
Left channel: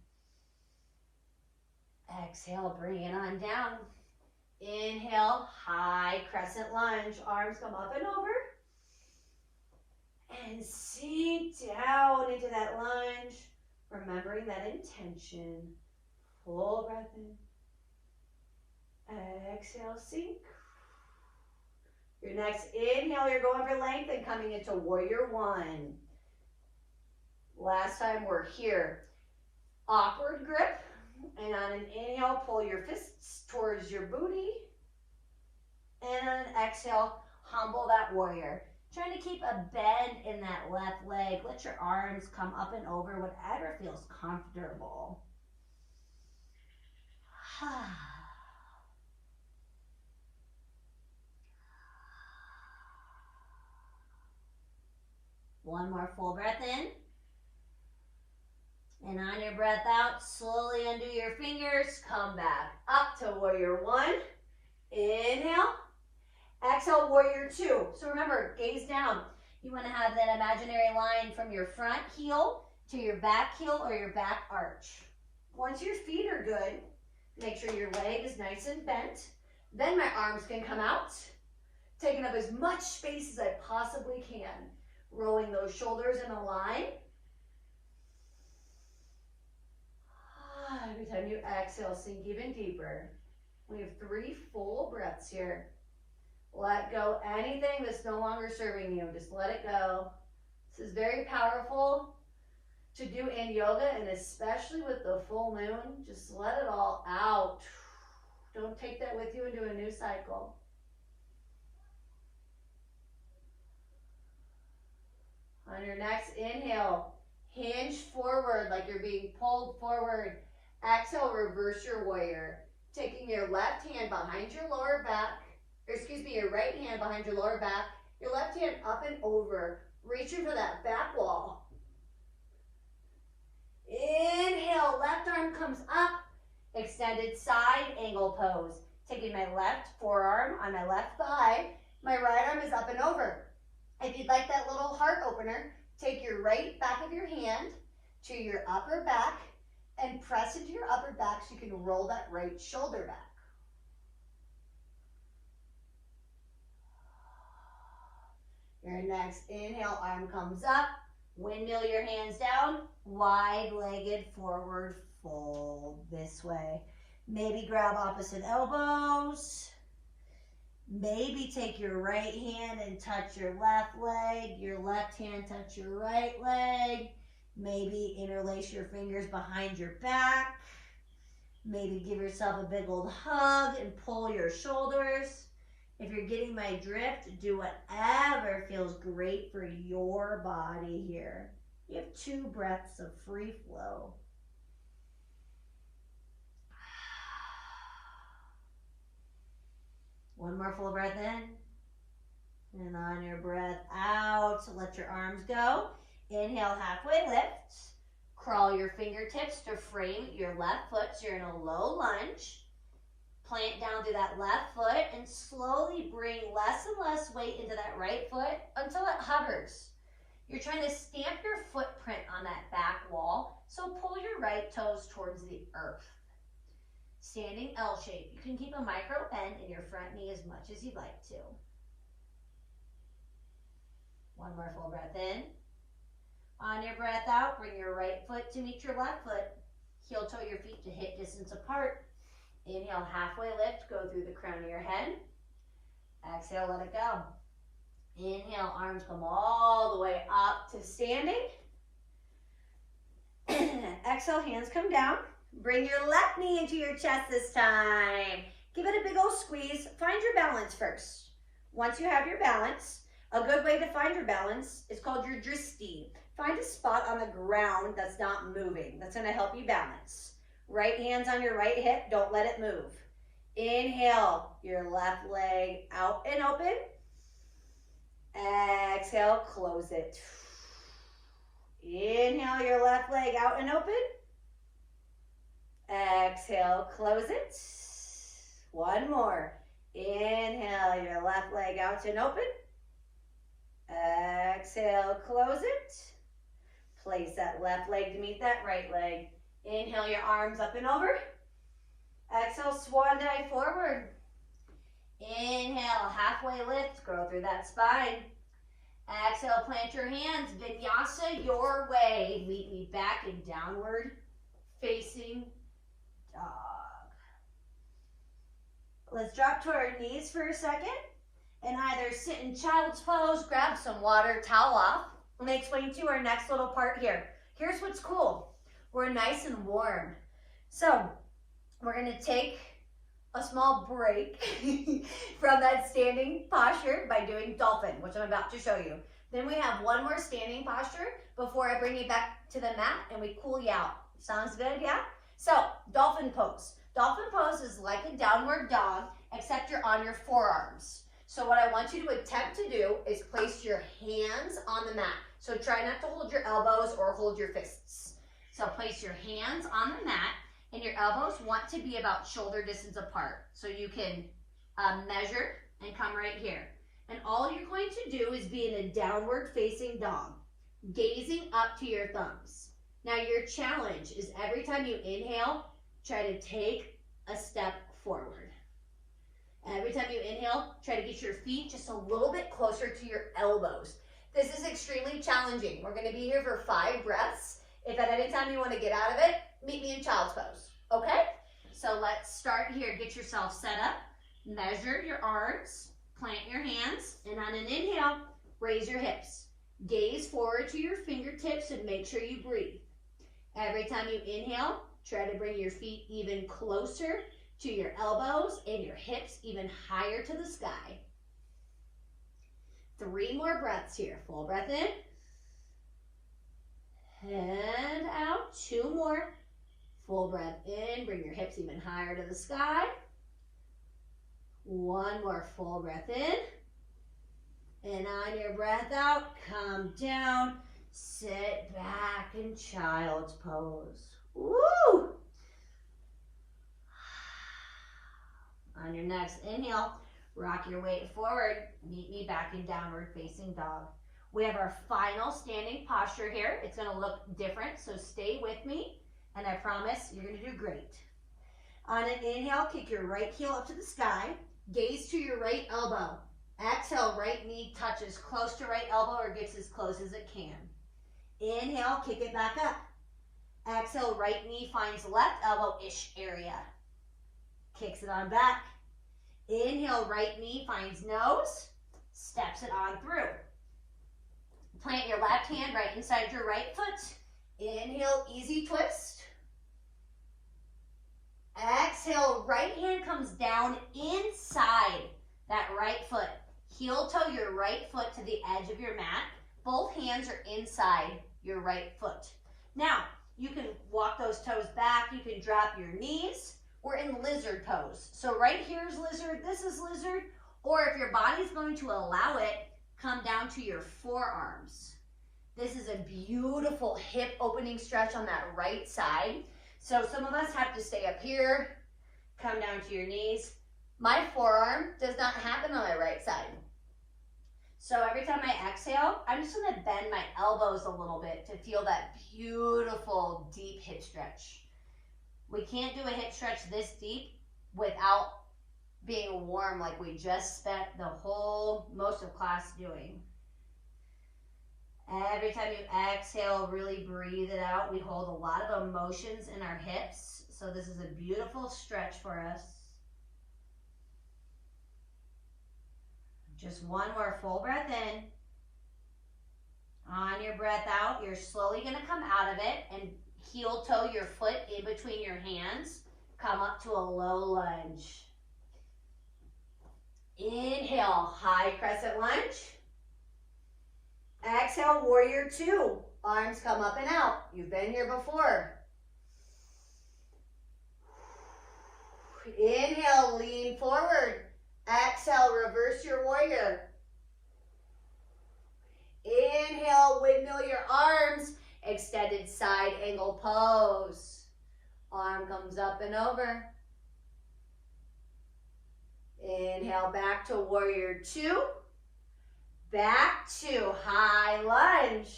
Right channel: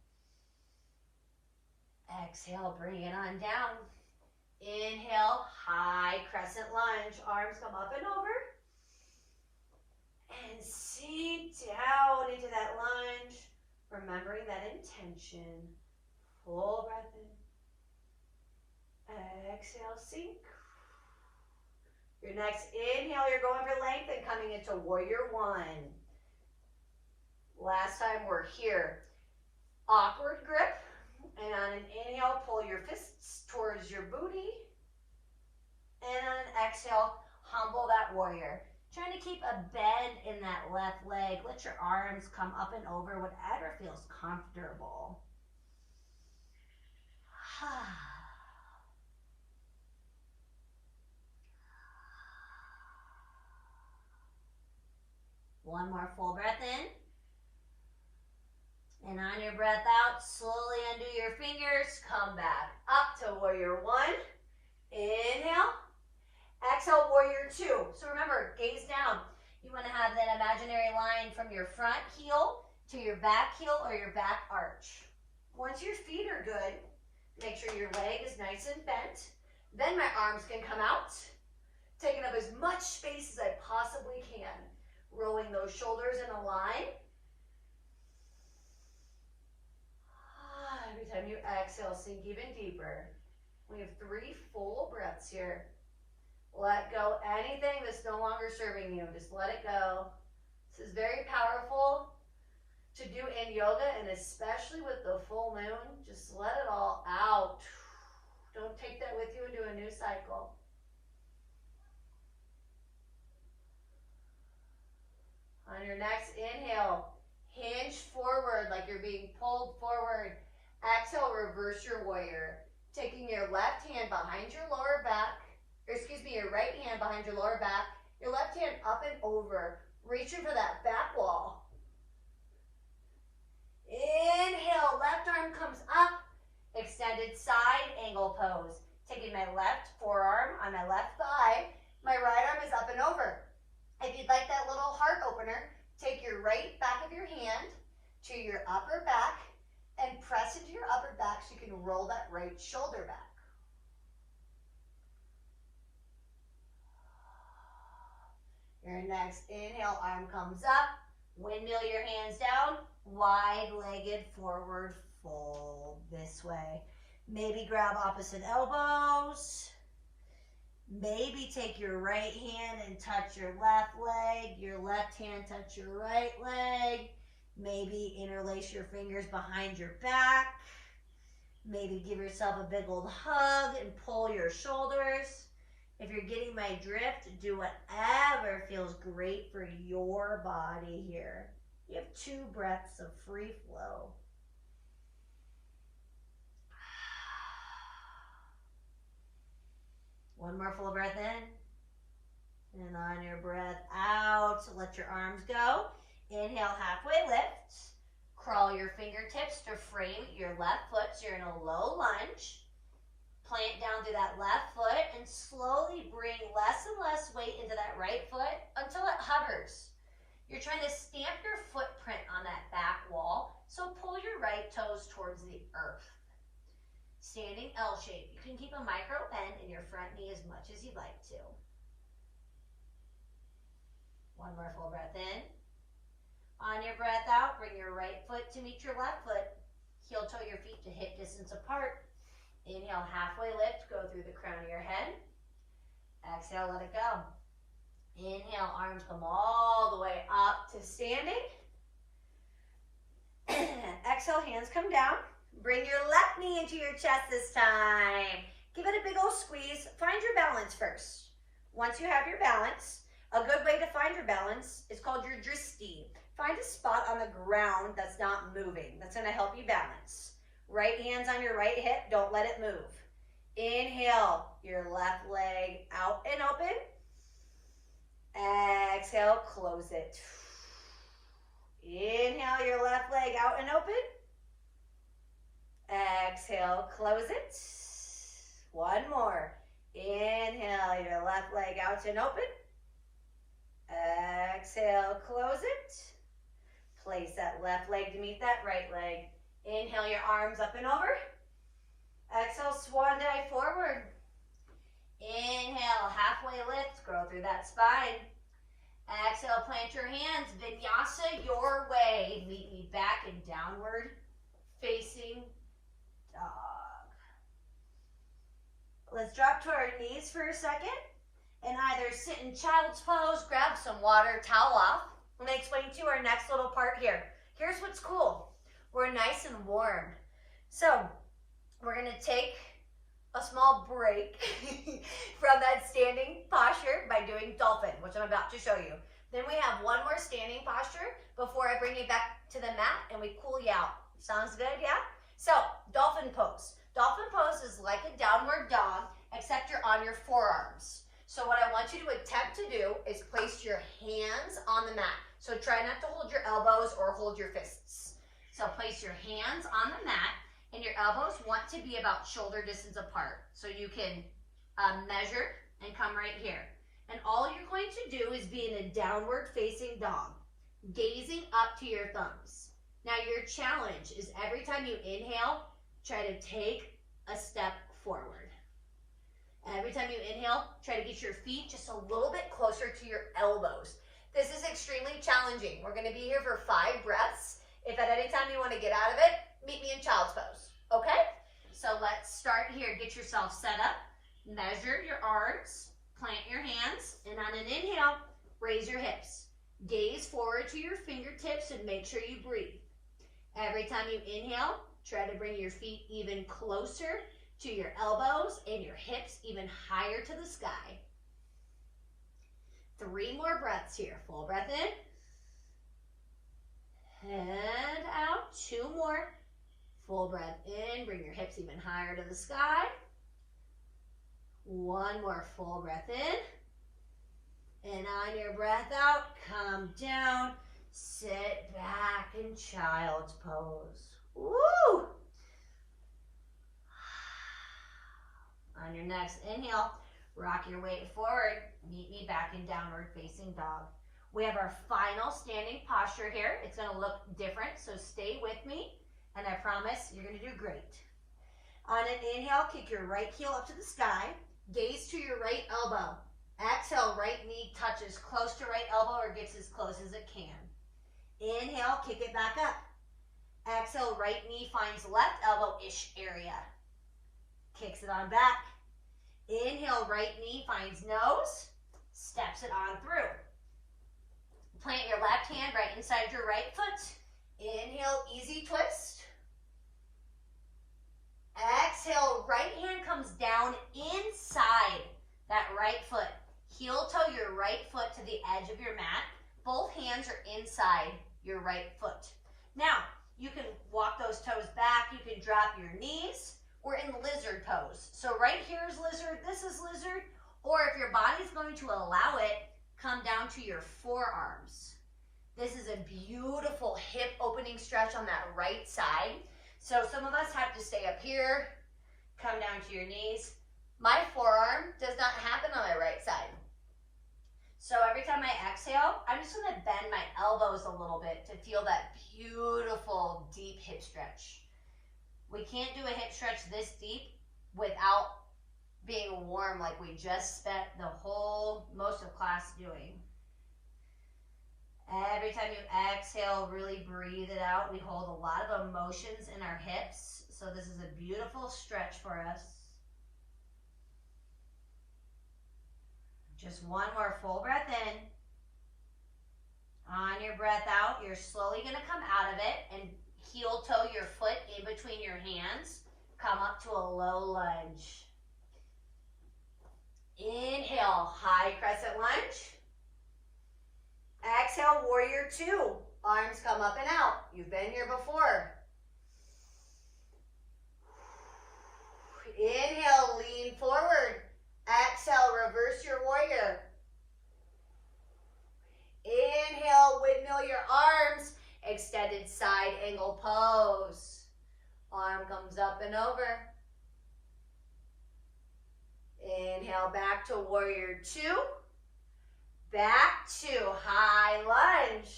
Exhale, bring it on down. Inhale, high crescent lunge. Arms come up and over. And sink down into that lunge. Remembering that intention. Full breath in. Exhale, sink. Your next inhale, you're going for length and coming into warrior one. Last time we're here. Awkward grip. And on an inhale, pull your fists towards your booty. And on an exhale, humble that warrior. Trying to keep a bend in that left leg. Let your arms come up and over, whatever feels comfortable. One more full breath in. And on your breath out, slowly undo your fingers. Come back up to warrior one. Inhale. Exhale, warrior two. So remember, gaze down. You want to have that imaginary line from your front heel to your back heel or your back arch. Once your feet are good, make sure your leg is nice and bent. Then my arms can come out, taking up as much space as I possibly can. Rolling those shoulders in a line. Every time you exhale, sink even deeper. We have 3 full breaths here. Let go anything that's no longer serving you. Just let it go. This is very powerful to do in yoga, and especially with the full moon. Just let it all out. Don't take that with you into a new cycle. On your next inhale, hinge forward like you're being pulled forward. Exhale, reverse your warrior. Taking your left hand behind your lower back, your right hand behind your lower back, your left hand up and over, reaching for that back wall. Inhale, left arm comes up, extended side angle pose. Taking my left forearm on my left thigh, my right arm is up and over. If you'd like that little heart opener, take your right back of your hand to your upper back and press into your upper back so you can roll that right shoulder back. Your next inhale, arm comes up, windmill your hands down, wide-legged forward fold this way. Maybe grab opposite elbows. Maybe take your right hand and touch your left leg, your left hand touch your right leg. Maybe interlace your fingers behind your back. Maybe give yourself a big old hug and pull your shoulders. If you're getting my drift, do whatever feels great for your body here. You have 2 breaths of free flow. One more full breath in. And on your breath out, let your arms go. Inhale, halfway lift. Crawl your fingertips to frame your left foot so you're in a low lunge. Plant down to that left foot and slowly bring less and less weight into that right foot until it hovers. You're trying to stamp your footprint on that back wall, so pull your right toes towards the earth. Standing L shape. You can keep a micro bend in your front knee as much as you'd like to. One more full breath in. On your breath out, bring your right foot to meet your left foot. Heel toe your feet to hip distance apart. Inhale, halfway lift, go through the crown of your head. Exhale, let it go. Inhale, arms come all the way up to standing. Exhale, hands come down. Bring your left knee into your chest this time. Give it a big old squeeze. Find your balance first. Once you have your balance, a good way to find your balance is called your drishti. Find a spot on the ground that's not moving. That's going to help you balance. Right hand's on your right hip. Don't let it move. Inhale, your left leg out and open. Exhale, close it. Inhale, your left leg out and open. Exhale, close it. One more. Inhale, your left leg out and open. Exhale, close it. Place that left leg to meet that right leg. Inhale, your arms up and over. Exhale, swan dive forward. Inhale, halfway lift, grow through that spine. Exhale, plant your hands, vinyasa your way. Meet me back in downward facing dog. Let's drop to our knees for a second and either sit in child's pose, grab some water, towel off. Let me explain to you our next little part here. Here's what's cool. We're nice and warm. So we're gonna take a small break from that standing posture by doing dolphin, which I'm about to show you. Then we have one more standing posture before I bring you back to the mat and we cool you out. Sounds good, yeah? So, dolphin pose. Dolphin pose is like a downward dog, except you're on your forearms. So what I want you to attempt to do is place your hands on the mat. So try not to hold your elbows or hold your fists. So place your hands on the mat and your elbows want to be about shoulder distance apart. So you can measure and come right here. And all you're going to do is be in a downward facing dog, gazing up to your thumbs. Now your challenge is every time you inhale, try to take a step forward. Every time you inhale, try to get your feet just a little bit closer to your elbows. This is extremely challenging. We're gonna be here for 5 breaths. If at any time you wanna get out of it, meet me in child's pose, okay? So let's start here. Get yourself set up, measure your arms, plant your hands, and on an inhale, raise your hips. Gaze forward to your fingertips and make sure you breathe. Every time you inhale, try to bring your feet even closer to your elbows and your hips even higher to the sky. 3 more breaths here. Full breath in. And out. 2 more. Full breath in. Bring your hips even higher to the sky. 1 more full breath in. And on your breath out, come down. Sit back in child's pose. Woo! On your next inhale, rock your weight forward. Meet me back in downward facing dog. We have our final standing posture here. It's going to look different, so stay with me, and I promise you're going to do great. On an inhale, kick your right heel up to the sky. Gaze to your right elbow. Exhale, right knee touches close to right elbow or gets as close as it can. Inhale, kick it back up. Exhale, right knee finds left elbow-ish area. Kicks it on back. Inhale, right knee finds nose, steps it on through. Plant your left hand right inside your right foot. Inhale, easy twist. Exhale, right hand comes down inside that right foot. Heel toe your right foot to the edge of your mat. Both hands are inside your right foot. Now, you can walk those toes back. You can drop your knees. We're in lizard pose. So right here is lizard, this is lizard, or if your body's going to allow it, come down to your forearms. This is a beautiful hip opening stretch on that right side. So some of us have to stay up here, come down to your knees. My forearm does not happen on my right side. So every time I exhale, I'm just gonna bend my elbows a little bit to feel that beautiful deep hip stretch. We can't do a hip stretch this deep without being warm like we just spent most of class doing. Every time you exhale, really breathe it out. We hold a lot of emotions in our hips, so this is a beautiful stretch for us. Just one more full breath in. On your breath out, you're slowly going to come out of it and heel toe your foot in between your hands. Come up to a low lunge. Inhale, high crescent lunge. Exhale, warrior two. Arms come up and out. You've been here before. Inhale, lean forward. Exhale, reverse your warrior. Inhale, windmill your arms. Extended side angle pose. Arm comes up and over. Inhale, back to warrior two. Back to high lunge.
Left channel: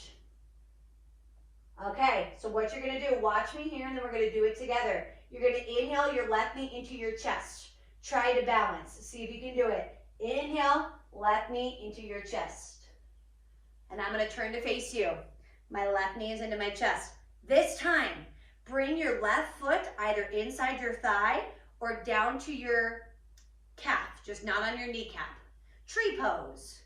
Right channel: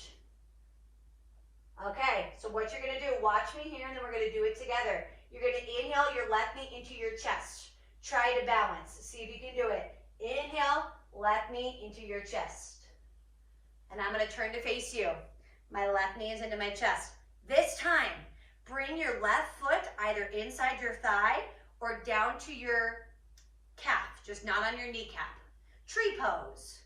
Okay, so what you're gonna do, watch me here and then we're gonna do it together. You're gonna inhale your left knee into your chest. Try to balance, see if you can do it. Inhale, left knee into your chest. And I'm gonna turn to face you. My left knee is into my chest. This time, bring your left foot either inside your thigh or down to your calf, just not on your kneecap. Tree pose.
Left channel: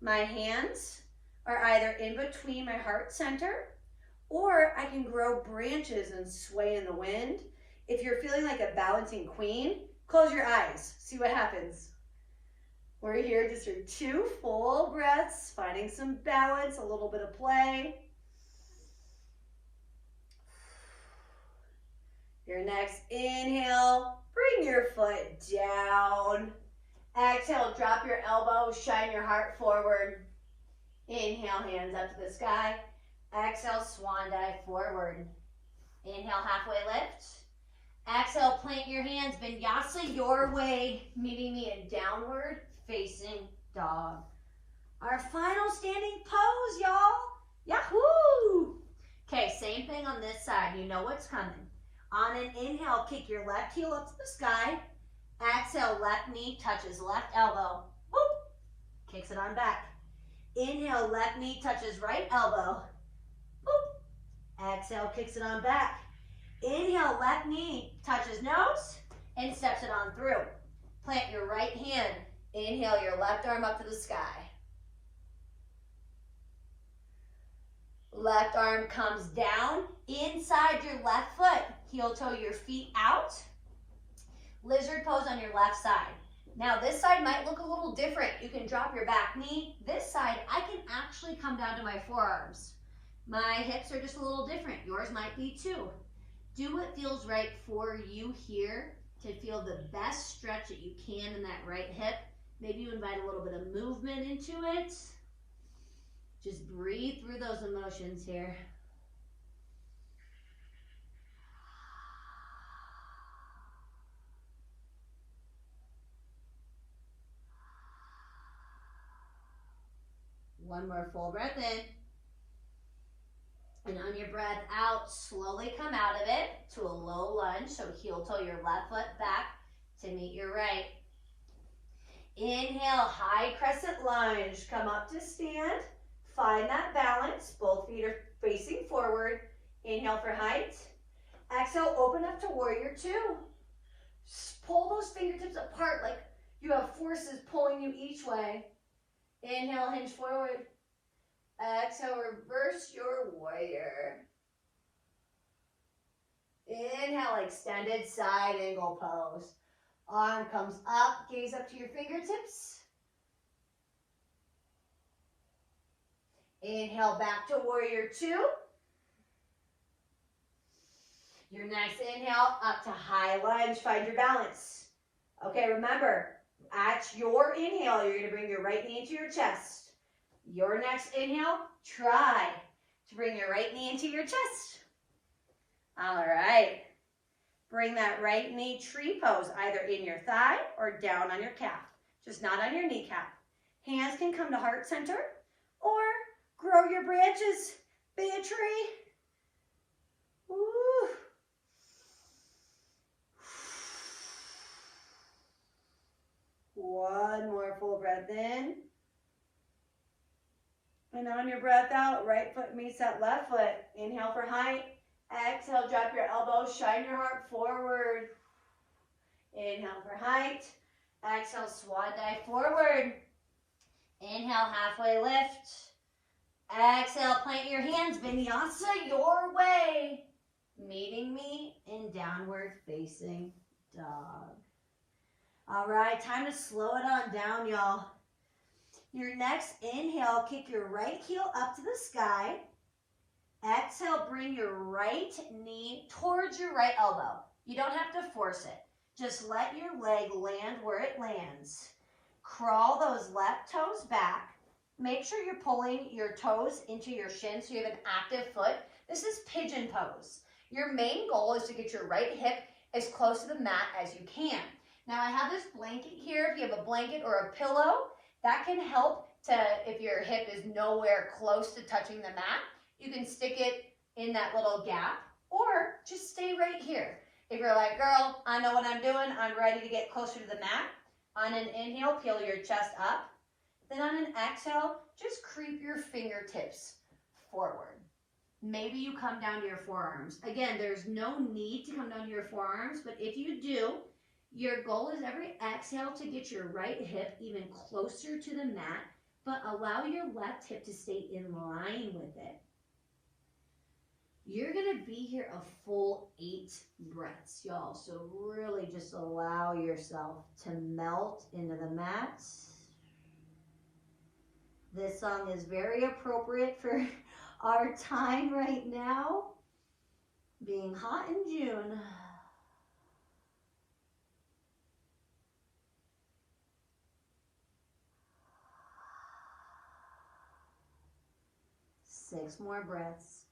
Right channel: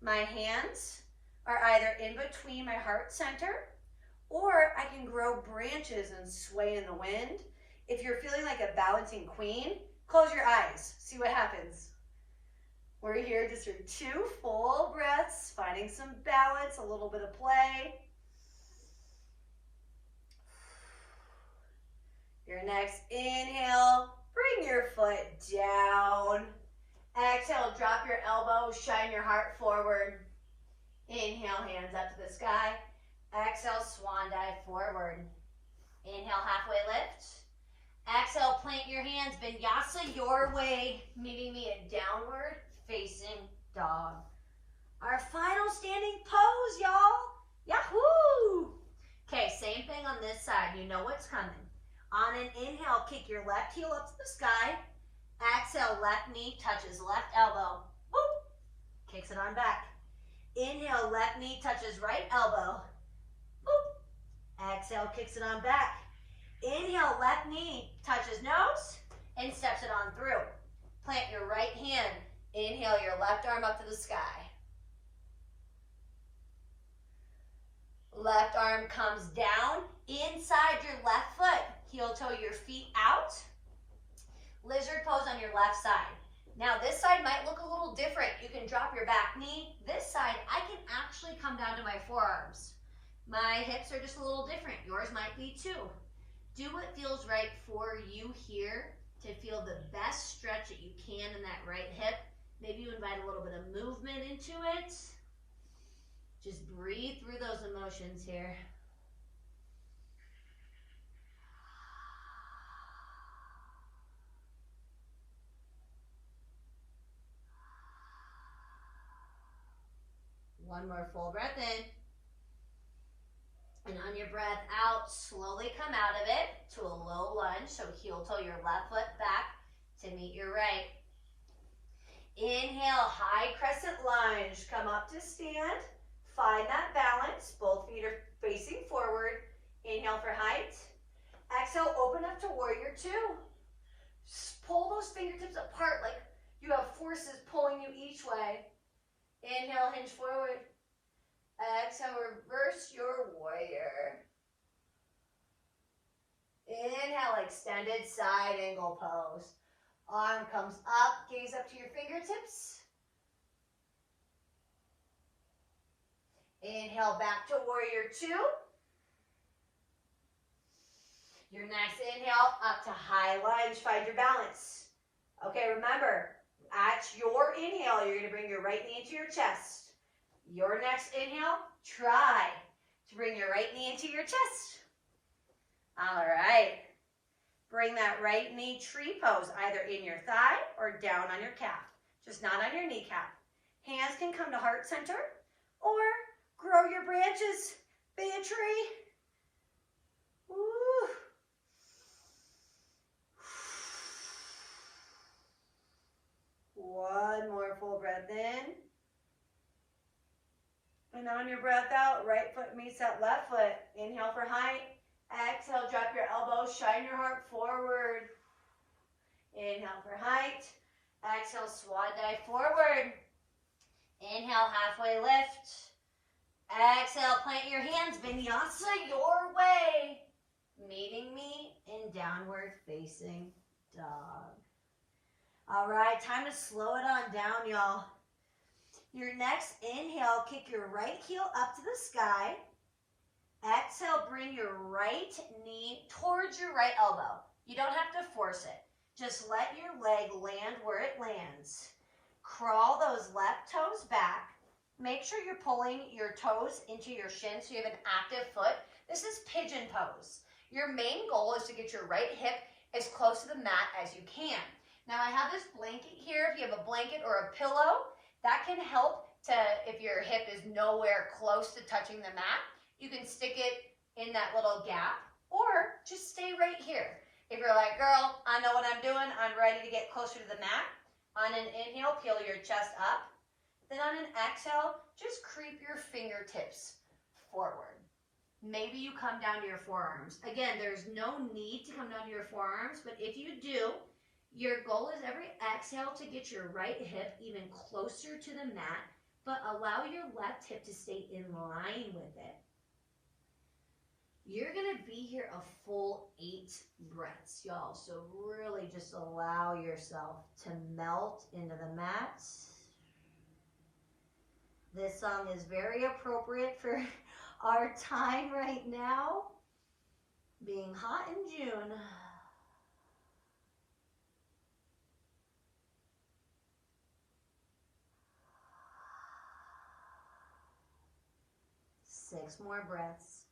My hands are either in between my heart center, or I can grow branches and sway in the wind. If you're feeling like a balancing queen, close your eyes, see what happens. We're here just for 2 full breaths, finding some balance, a little bit of play. Your next inhale, bring your foot down. Exhale, drop your elbows, shine your heart forward. Inhale, hands up to the sky. Exhale, swan dive forward. Inhale, halfway lift. Exhale, plant your hands, vinyasa your way, meeting me in downward facing dog. Our final standing pose, y'all. Yahoo! Okay, same thing on this side. You know what's coming. On an inhale, kick your left heel up to the sky. Exhale, left knee touches left elbow. Boop. Kicks it on back. Inhale, left knee touches right elbow. Boop. Exhale, kicks it on back. Inhale, left knee touches nose and steps it on through. Plant your right hand. Inhale your left arm up to the sky. Left arm comes down inside your left foot. Heel toe your feet out. Lizard pose on your left side. Now this side might look a little different. You can drop your back knee. This side, I can actually come down to my forearms. My hips are just a little different. Yours might be too. Do what feels right for you here to feel the best stretch that you can in that right hip. Maybe you invite a little bit of movement into it. Just breathe through those emotions here. One more full breath in. And on your breath out, slowly come out of it to a low lunge. So heel toe your left foot back to meet your right. Inhale, high crescent lunge. Come up to stand. Find that balance. Both feet are facing forward. Inhale for height. Exhale, open up to warrior two. Pull those fingertips apart like you have forces pulling you each way. Inhale, hinge forward. Exhale, reverse your warrior. Inhale, extended side angle pose. Arm comes up, gaze up to your fingertips. Inhale, back to warrior two. Your next inhale, up to high lunge, find your balance. Okay, remember, at your inhale, you're gonna bring your right knee into your chest. Your next inhale, try to bring your right knee into your chest. All right. Bring that right knee tree pose either in your thigh or down on your calf, just not on your kneecap. Hands can come to heart center or grow your branches, be a tree. Woo. One more full breath in. And on your breath out, right foot meets that left foot. Inhale for height. Exhale, drop your elbows, shine your heart forward. Inhale for height. Exhale, swan dive forward. Inhale, halfway lift. Exhale, plant your hands, vinyasa your way. Meeting me in downward facing dog. All right, time to slow it on down, y'all. Your next inhale, kick your right heel up to the sky. Exhale, bring your right knee towards your right elbow. You don't have to force it. Just let your leg land where it lands. Crawl those left toes back. Make sure you're pulling your toes into your shin so you have an active foot. This is pigeon pose. Your main goal is to get your right hip as close to the mat as you can. Now I have this blanket here. If you have a blanket or a pillow, that can help to, if your hip is nowhere close to touching the mat, you can stick it in that little gap or just stay right here. If you're like, girl, I know what I'm doing. I'm ready to get closer to the mat. On an inhale, peel your chest up. Then on an exhale, just creep your fingertips forward. Maybe you come down to your forearms. Again, there's no need to come down to your forearms, but if you do, your goal is every exhale to get your right hip even closer to the mat, but allow your left hip to stay in line with it. You're gonna be here a full 8 breaths, y'all. So really just allow yourself to melt into the mat. This song is very appropriate for our time right now, being hot in June. Six more breaths.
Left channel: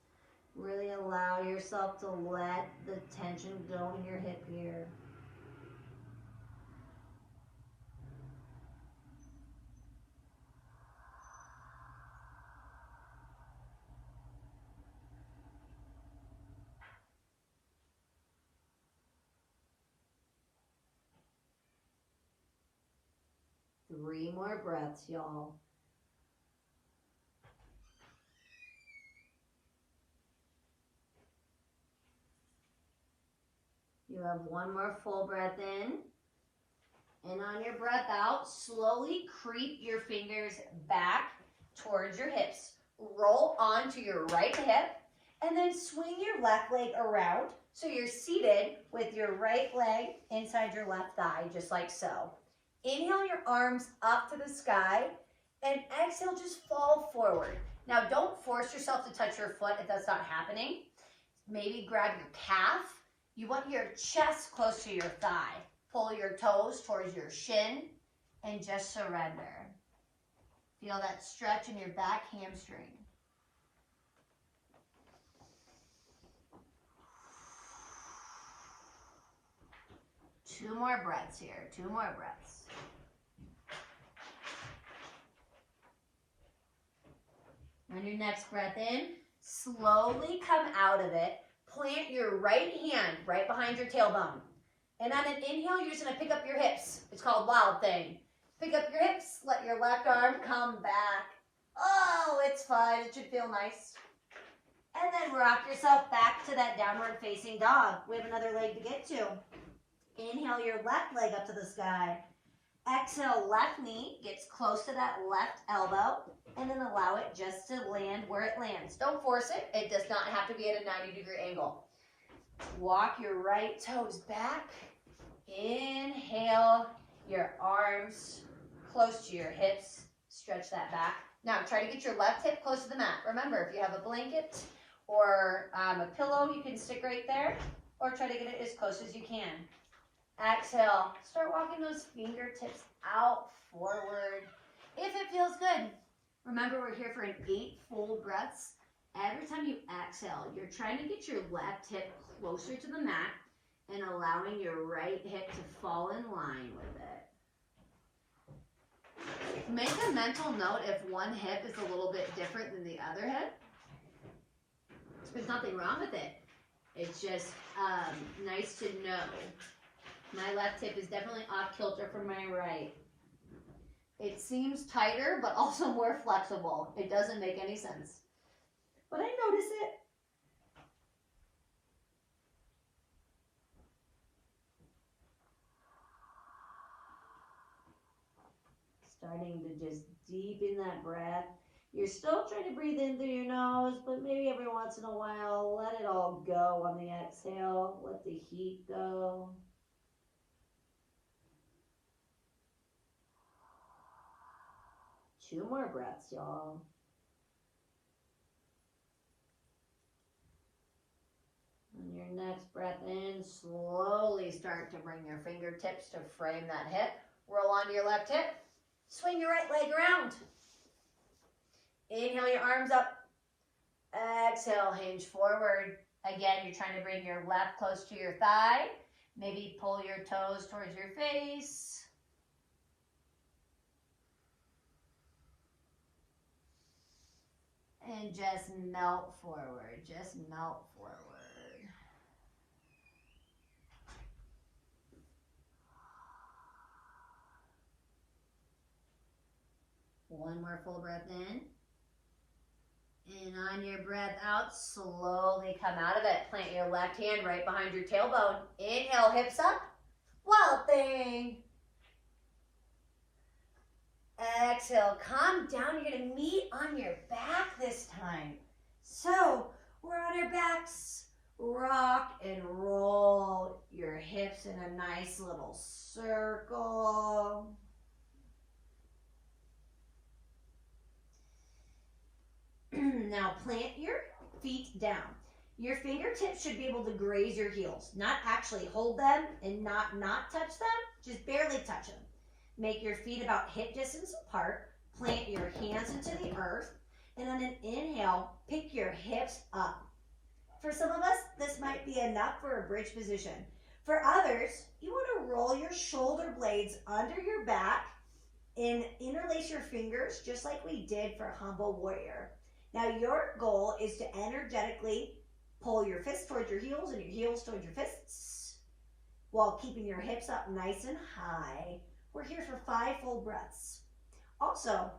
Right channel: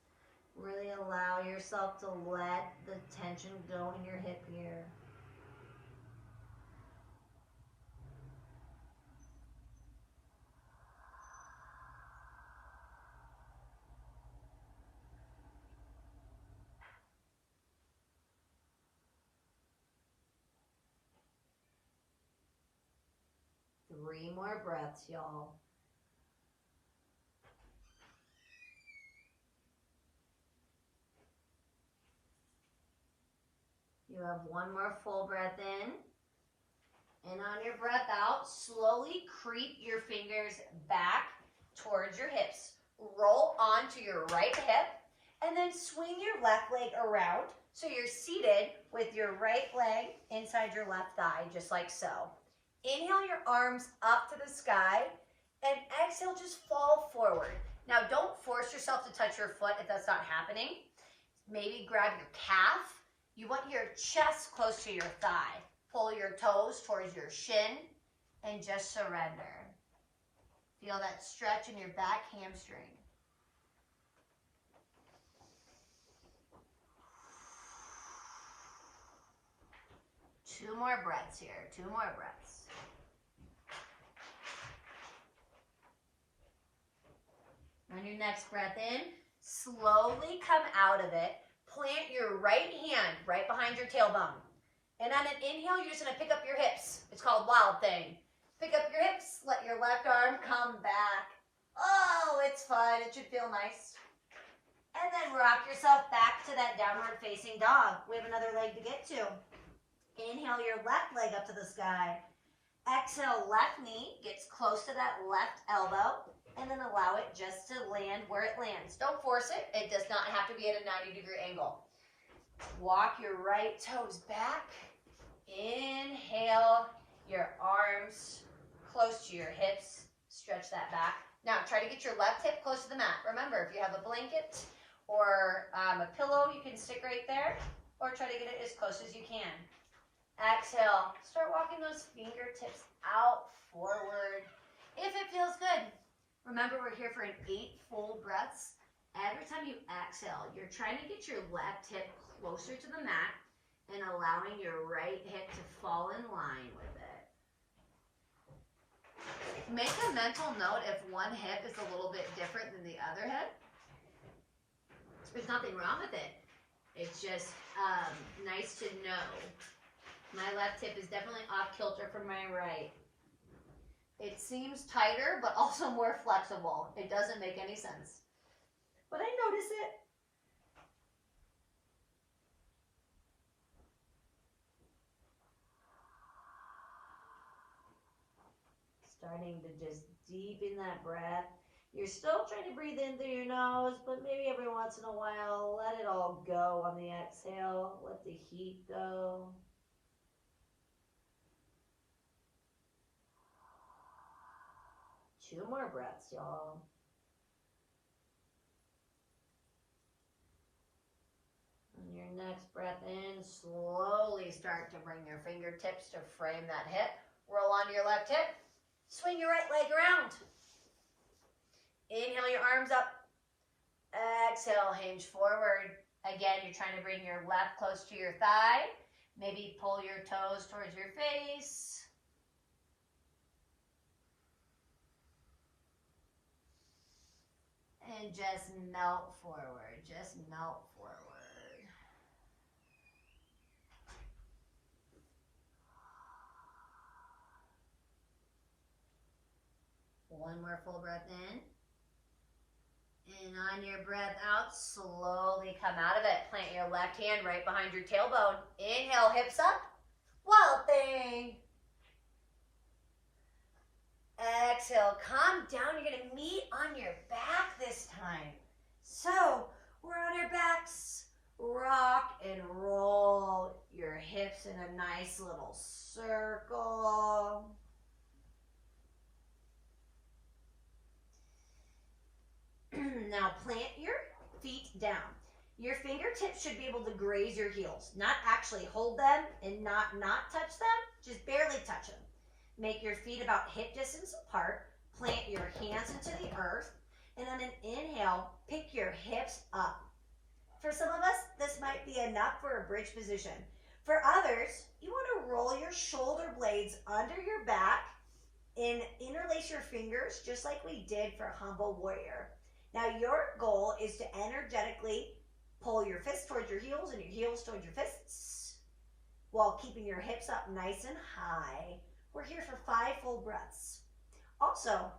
Really allow yourself to let the tension go in your hip here. Three more breaths, y'all. You have one more full breath in. And on your breath out, slowly creep your fingers back towards your hips. Roll onto your right hip and then swing your left leg around so you're seated with your right leg inside your left thigh, just like so. Inhale your arms up to the sky and exhale, just fall forward. Now don't force yourself to touch your foot if that's not happening. Maybe grab your calf. You want your chest close to your thigh. Pull your toes towards your shin and just surrender. Feel that stretch in your back hamstring. Two more breaths here, 2 more breaths. On your next breath in, slowly come out of it. Plant your right hand right behind your tailbone. And on an inhale, you're just gonna pick up your hips. It's called Wild Thing. Pick up your hips, let your left arm come back. Oh, it's fun, it should feel nice. And then rock yourself back to that downward facing dog. We have another leg to get to. Inhale your left leg up to the sky. Exhale, left knee gets close to that left elbow, and then allow it just to land where it lands. Don't force it. It does not have to be at a 90-degree angle. Walk your right toes back. Inhale your arms close to your hips. Stretch that back. Now try to get your left hip close to the mat. Remember, if you have a blanket or a pillow, you can stick right there, or try to get it as close as you can. Exhale. Start walking those fingertips out forward if it feels good. Remember, we're here for an 8 full breaths. Every time you exhale, you're trying to get your left hip closer to the mat and allowing your right hip to fall in line with it. Make a mental note if one hip is a little bit different than the other hip. There's nothing wrong with it. It's just nice to know. My left hip is definitely off kilter from my right. It seems tighter, but also more flexible. It doesn't make any sense. But I notice it. Starting to just deepen that breath. You're still trying to breathe in through your nose, but maybe every once in a while, let it all go on the exhale. Let the heat go. Two more breaths, y'all. On your next breath in, slowly start to bring your fingertips to frame that hip. Roll onto your left hip. Swing your right leg around. Inhale your arms up. Exhale, hinge forward. Again, you're trying to bring your left close to your thigh. Maybe pull your toes towards your face. And just melt forward. Just melt forward. One more full breath in. And on your breath out, slowly come out of it. Plant your left hand right behind your tailbone. Inhale, hips up. Wild Thing. Exhale, calm down. You're going to meet on your back this time. So we're on our backs. Rock and roll your hips in a nice little circle. Now plant your feet down. Your fingertips should be able to graze your heels. Not actually hold them and not touch them. Just barely touch them. Make your feet about hip distance apart. Plant your hands into the earth. And on an inhale, pick your hips up. For some of us, this might be enough for a bridge position. For others, you want to roll your shoulder blades under your back and interlace your fingers just like we did for Humble Warrior. Now your goal is to energetically pull your fists towards your heels and your heels towards your fists while keeping your hips up nice and high. We're here for 5 full breaths. Also,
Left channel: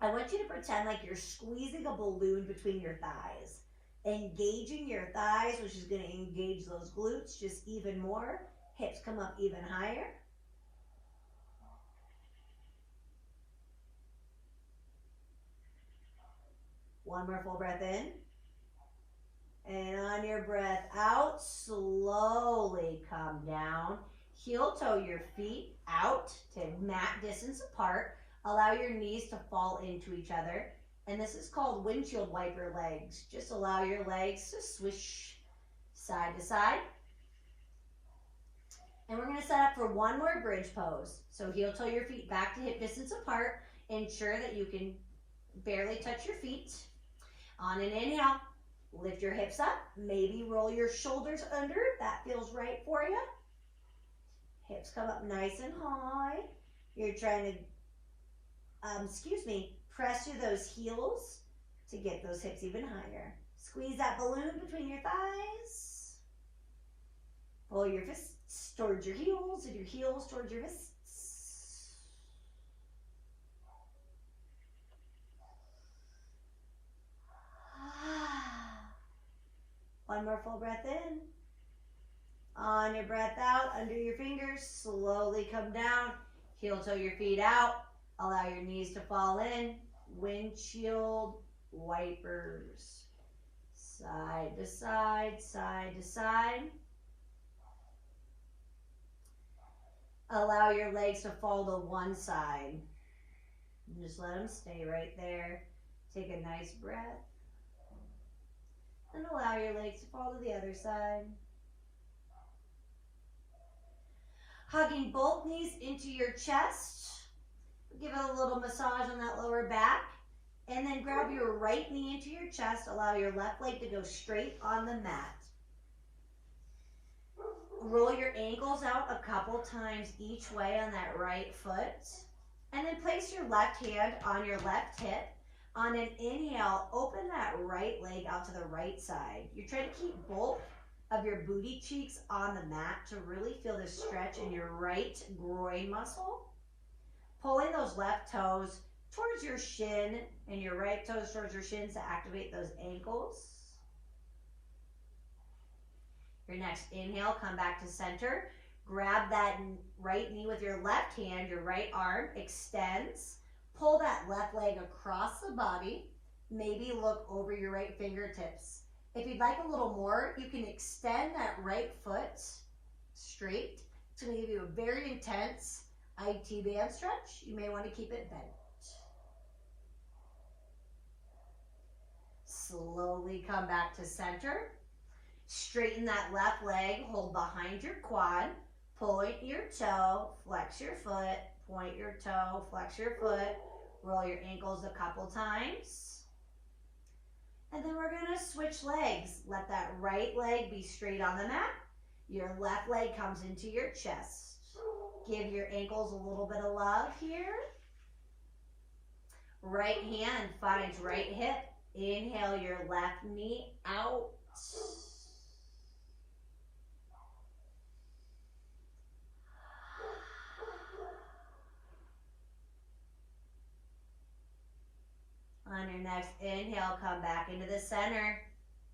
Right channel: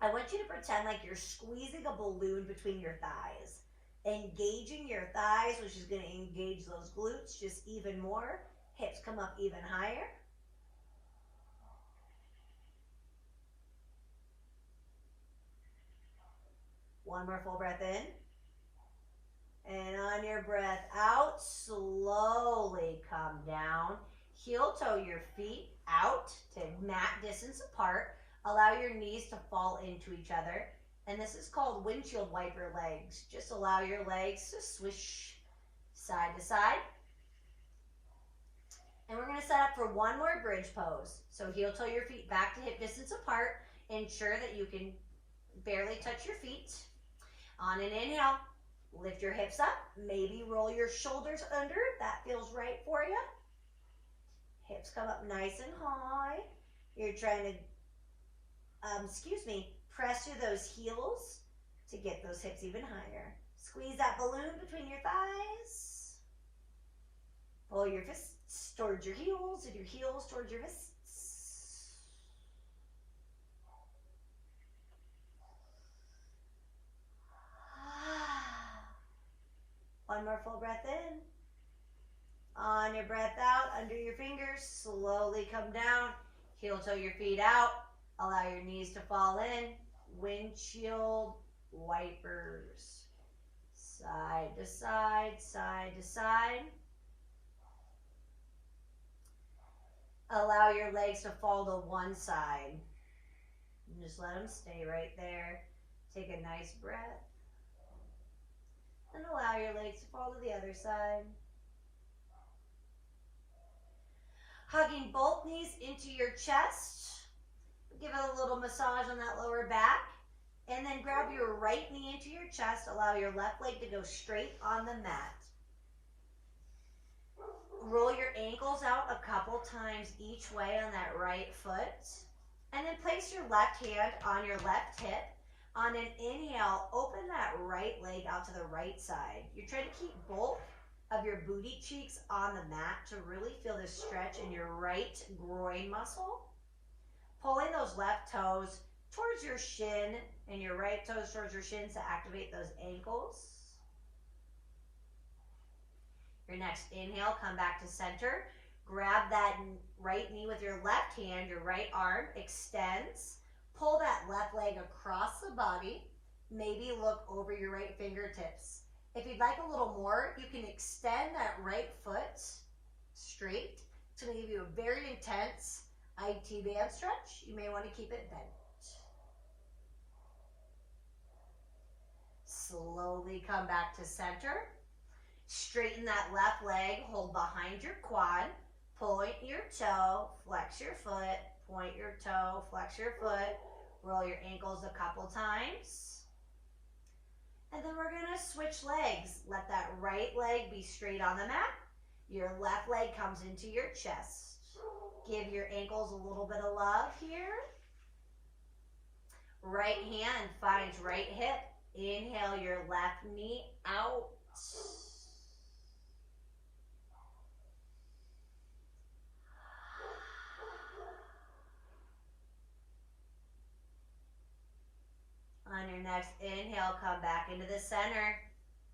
I want you to pretend like you're squeezing a balloon between your thighs, engaging your thighs, which is going to engage those glutes just even more. Hips come up even higher. One more full breath in. And on your breath out, slowly come down. Heel toe your feet out to mat distance apart. Allow your knees to fall into each other. And this is called windshield wiper legs. Just allow your legs to swish side to side. And we're going to set up for one more bridge pose. So heel toe your feet back to hip distance apart. ensure that you can barely touch your feet. On an inhale, lift your hips up, maybe roll your shoulders under if that feels right for you. Hips come up nice and high. You're trying to, press through those heels to get those hips even higher. Squeeze that balloon between your thighs. Pull your fists towards your heels and your heels towards your fists. One more full breath in. On your breath out, under your fingers, slowly come down. Heel toe your feet out. Allow your knees to fall in. Windshield wipers. Side to side, side to side. Allow your legs to fall to one side. And just let them stay right there. Take a nice breath. And allow your legs to fall to the other side. Hugging both knees into your chest. Give it a little massage on that lower back. And then grab your right knee into your chest. Allow your left leg to go straight on the mat. Roll your ankles out a couple times each way on that right foot. And then place your left hand on your left hip. On an inhale, open that right leg out to the right side. You're trying to keep both of your booty cheeks on the mat to really feel the stretch in your right groin muscle. Pulling those left toes towards your shin and your right toes towards your shins to activate those ankles. Your next inhale, come back to center. Grab that right knee with your left hand, your right arm extends. Pull that left leg across the body. Maybe look over your right fingertips. If you'd like a little more, you can extend that right foot straight. It's going to give you a very intense IT band stretch. You may want to keep it bent. Slowly come back to center. Straighten that left leg, hold behind your quad. Point your toe, flex your foot, point your toe, flex your foot. Roll your ankles a couple times. And then we're going to switch legs. Let that right leg be straight on the mat. Your left leg comes into your chest. Give your ankles a little bit of love here. Right hand finds right hip. Inhale your left knee out. On your next inhale, come back into the center.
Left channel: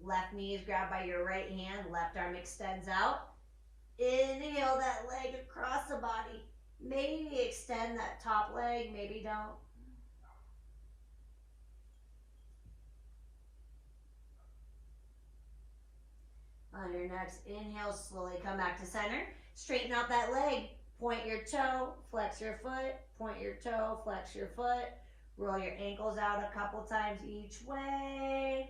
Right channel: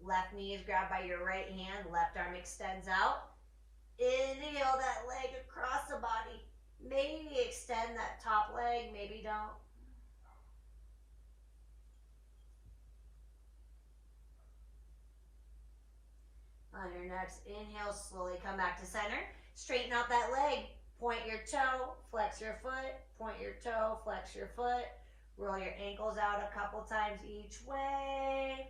Left knee is grabbed by your right hand. Left arm extends out. Inhale that leg across the body. Maybe extend that top leg, maybe don't. On your next inhale, slowly come back to center. Straighten out that leg. Point your toe, flex your foot. Point your toe, flex your foot. Roll your ankles out a couple times each way.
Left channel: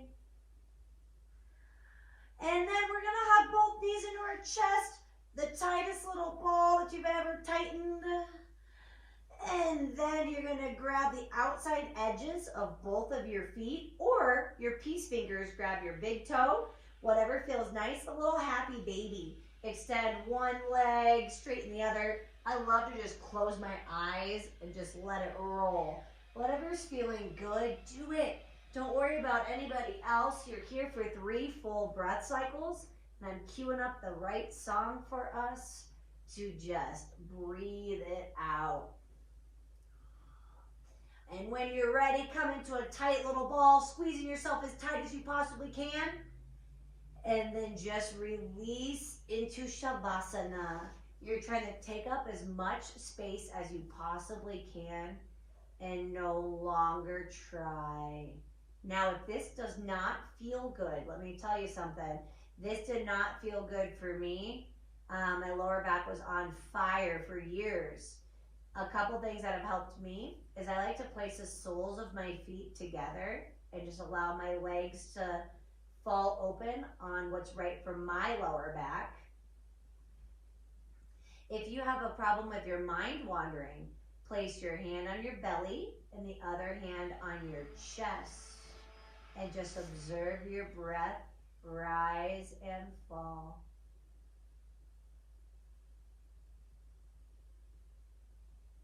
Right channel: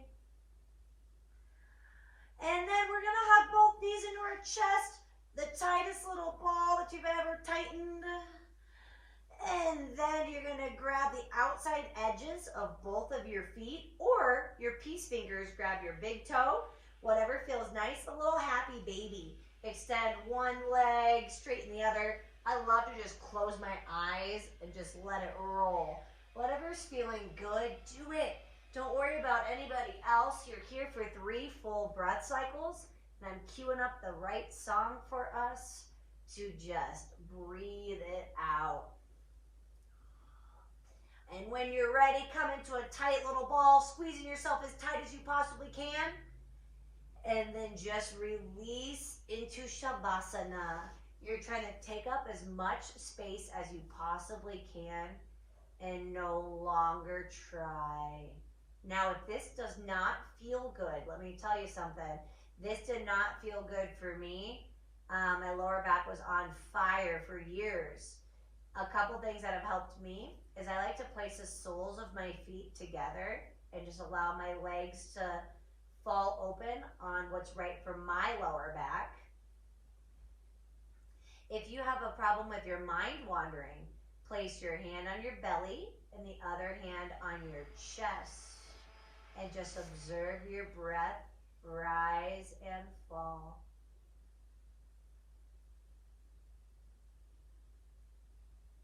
And then we're going to hug both knees into our chest. The tightest little ball that you've ever tightened. And then you're going to grab the outside edges of both of your feet, or your peace fingers. Grab your big toe, whatever feels nice. A little happy baby. Extend one leg, straighten the other. I love to just close my eyes and just let it roll. Whatever's feeling good, do it. Don't worry about anybody else. You're here for 3 full breath cycles. And I'm queuing up the right song for us to just breathe it out. And when you're ready, come into a tight little ball, squeezing yourself as tight as you possibly can. And then just release into Shavasana. You're trying to take up as much space as you possibly can and no longer try. Now, if this does not feel good, let me tell you something. This did not feel good for me. My lower back was on fire for years. A couple things that have helped me is I like to place the soles of my feet together and just allow my legs to fall open on what's right for my lower back. If you have a problem with your mind wandering, Place your hand on your belly and the other hand on your chest. And just observe your breath rise and fall.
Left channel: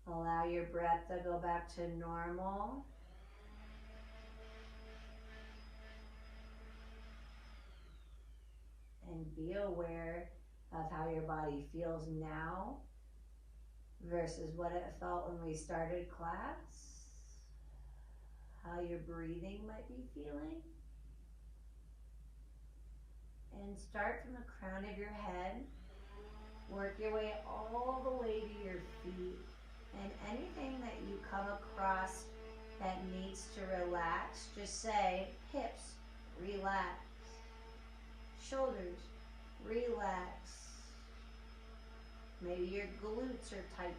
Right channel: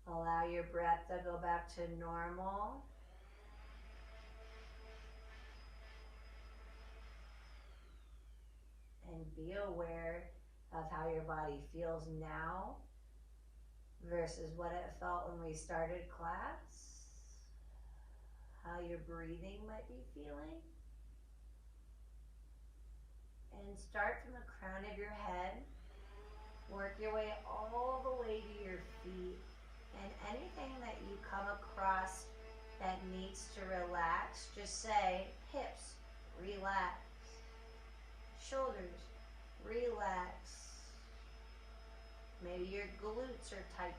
Allow your breath to go back to normal. And be aware of how your body feels now versus what it felt when we started class. How your breathing might be feeling. And start from the crown of your head. Work your way all the way to your feet. And anything that you come across that needs to relax, just say, hips, relax. Shoulders, relax. Maybe your glutes are tight.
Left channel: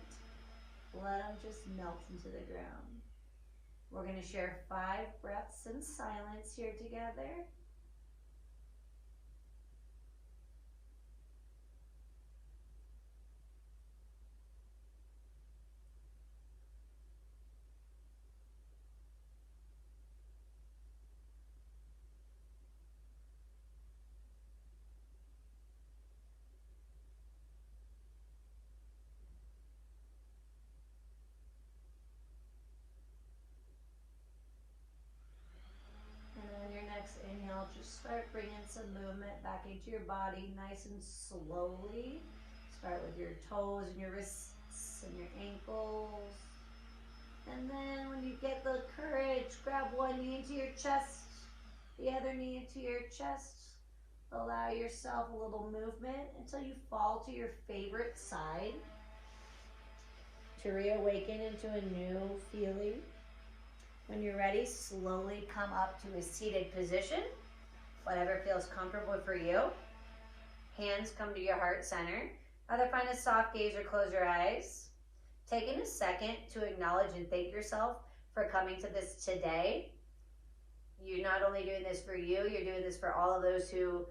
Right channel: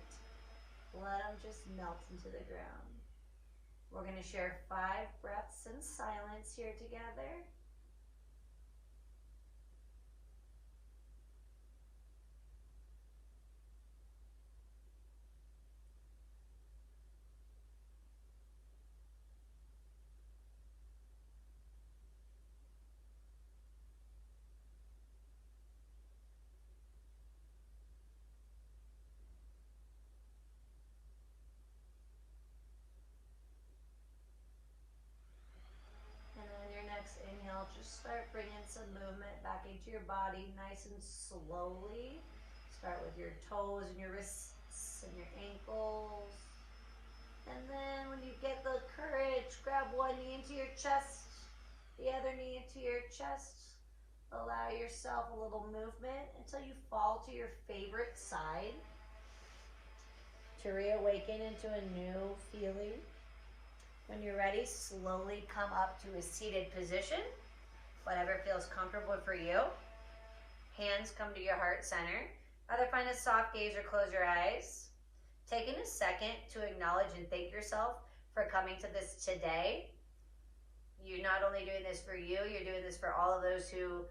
Let them just melt into the ground. We're going to share 5 breaths in silence here together. Next inhale, just start bringing some movement back into your body nice and slowly. Start with your toes and your wrists and your ankles. And then when you get the courage, grab one knee into your chest, the other knee into your chest. Allow yourself a little movement until you fall to your favorite side to reawaken into a new feeling. When you're ready, slowly come up to a seated position, whatever feels comfortable for you. Hands come to your heart center. Either find a soft gaze or close your eyes. Taking a second to acknowledge and thank yourself for coming to this today. You're not only doing this for you, you're doing this for all of those who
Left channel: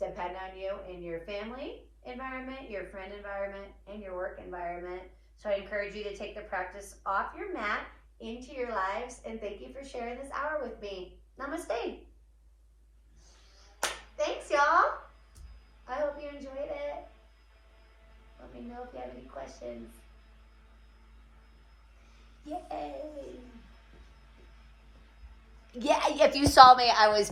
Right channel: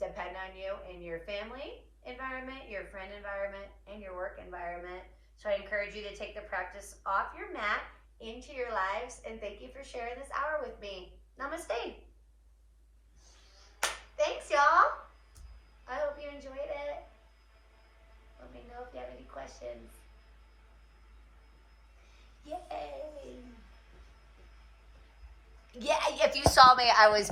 depend on you in your family environment, your friend environment, and your work environment. So I encourage you to take the practice off your mat into your lives, and thank you for sharing this hour with me. Namaste. Thanks, y'all. I hope you enjoyed it. Let me know if you have any questions. Yay. Yeah, if you saw me, I was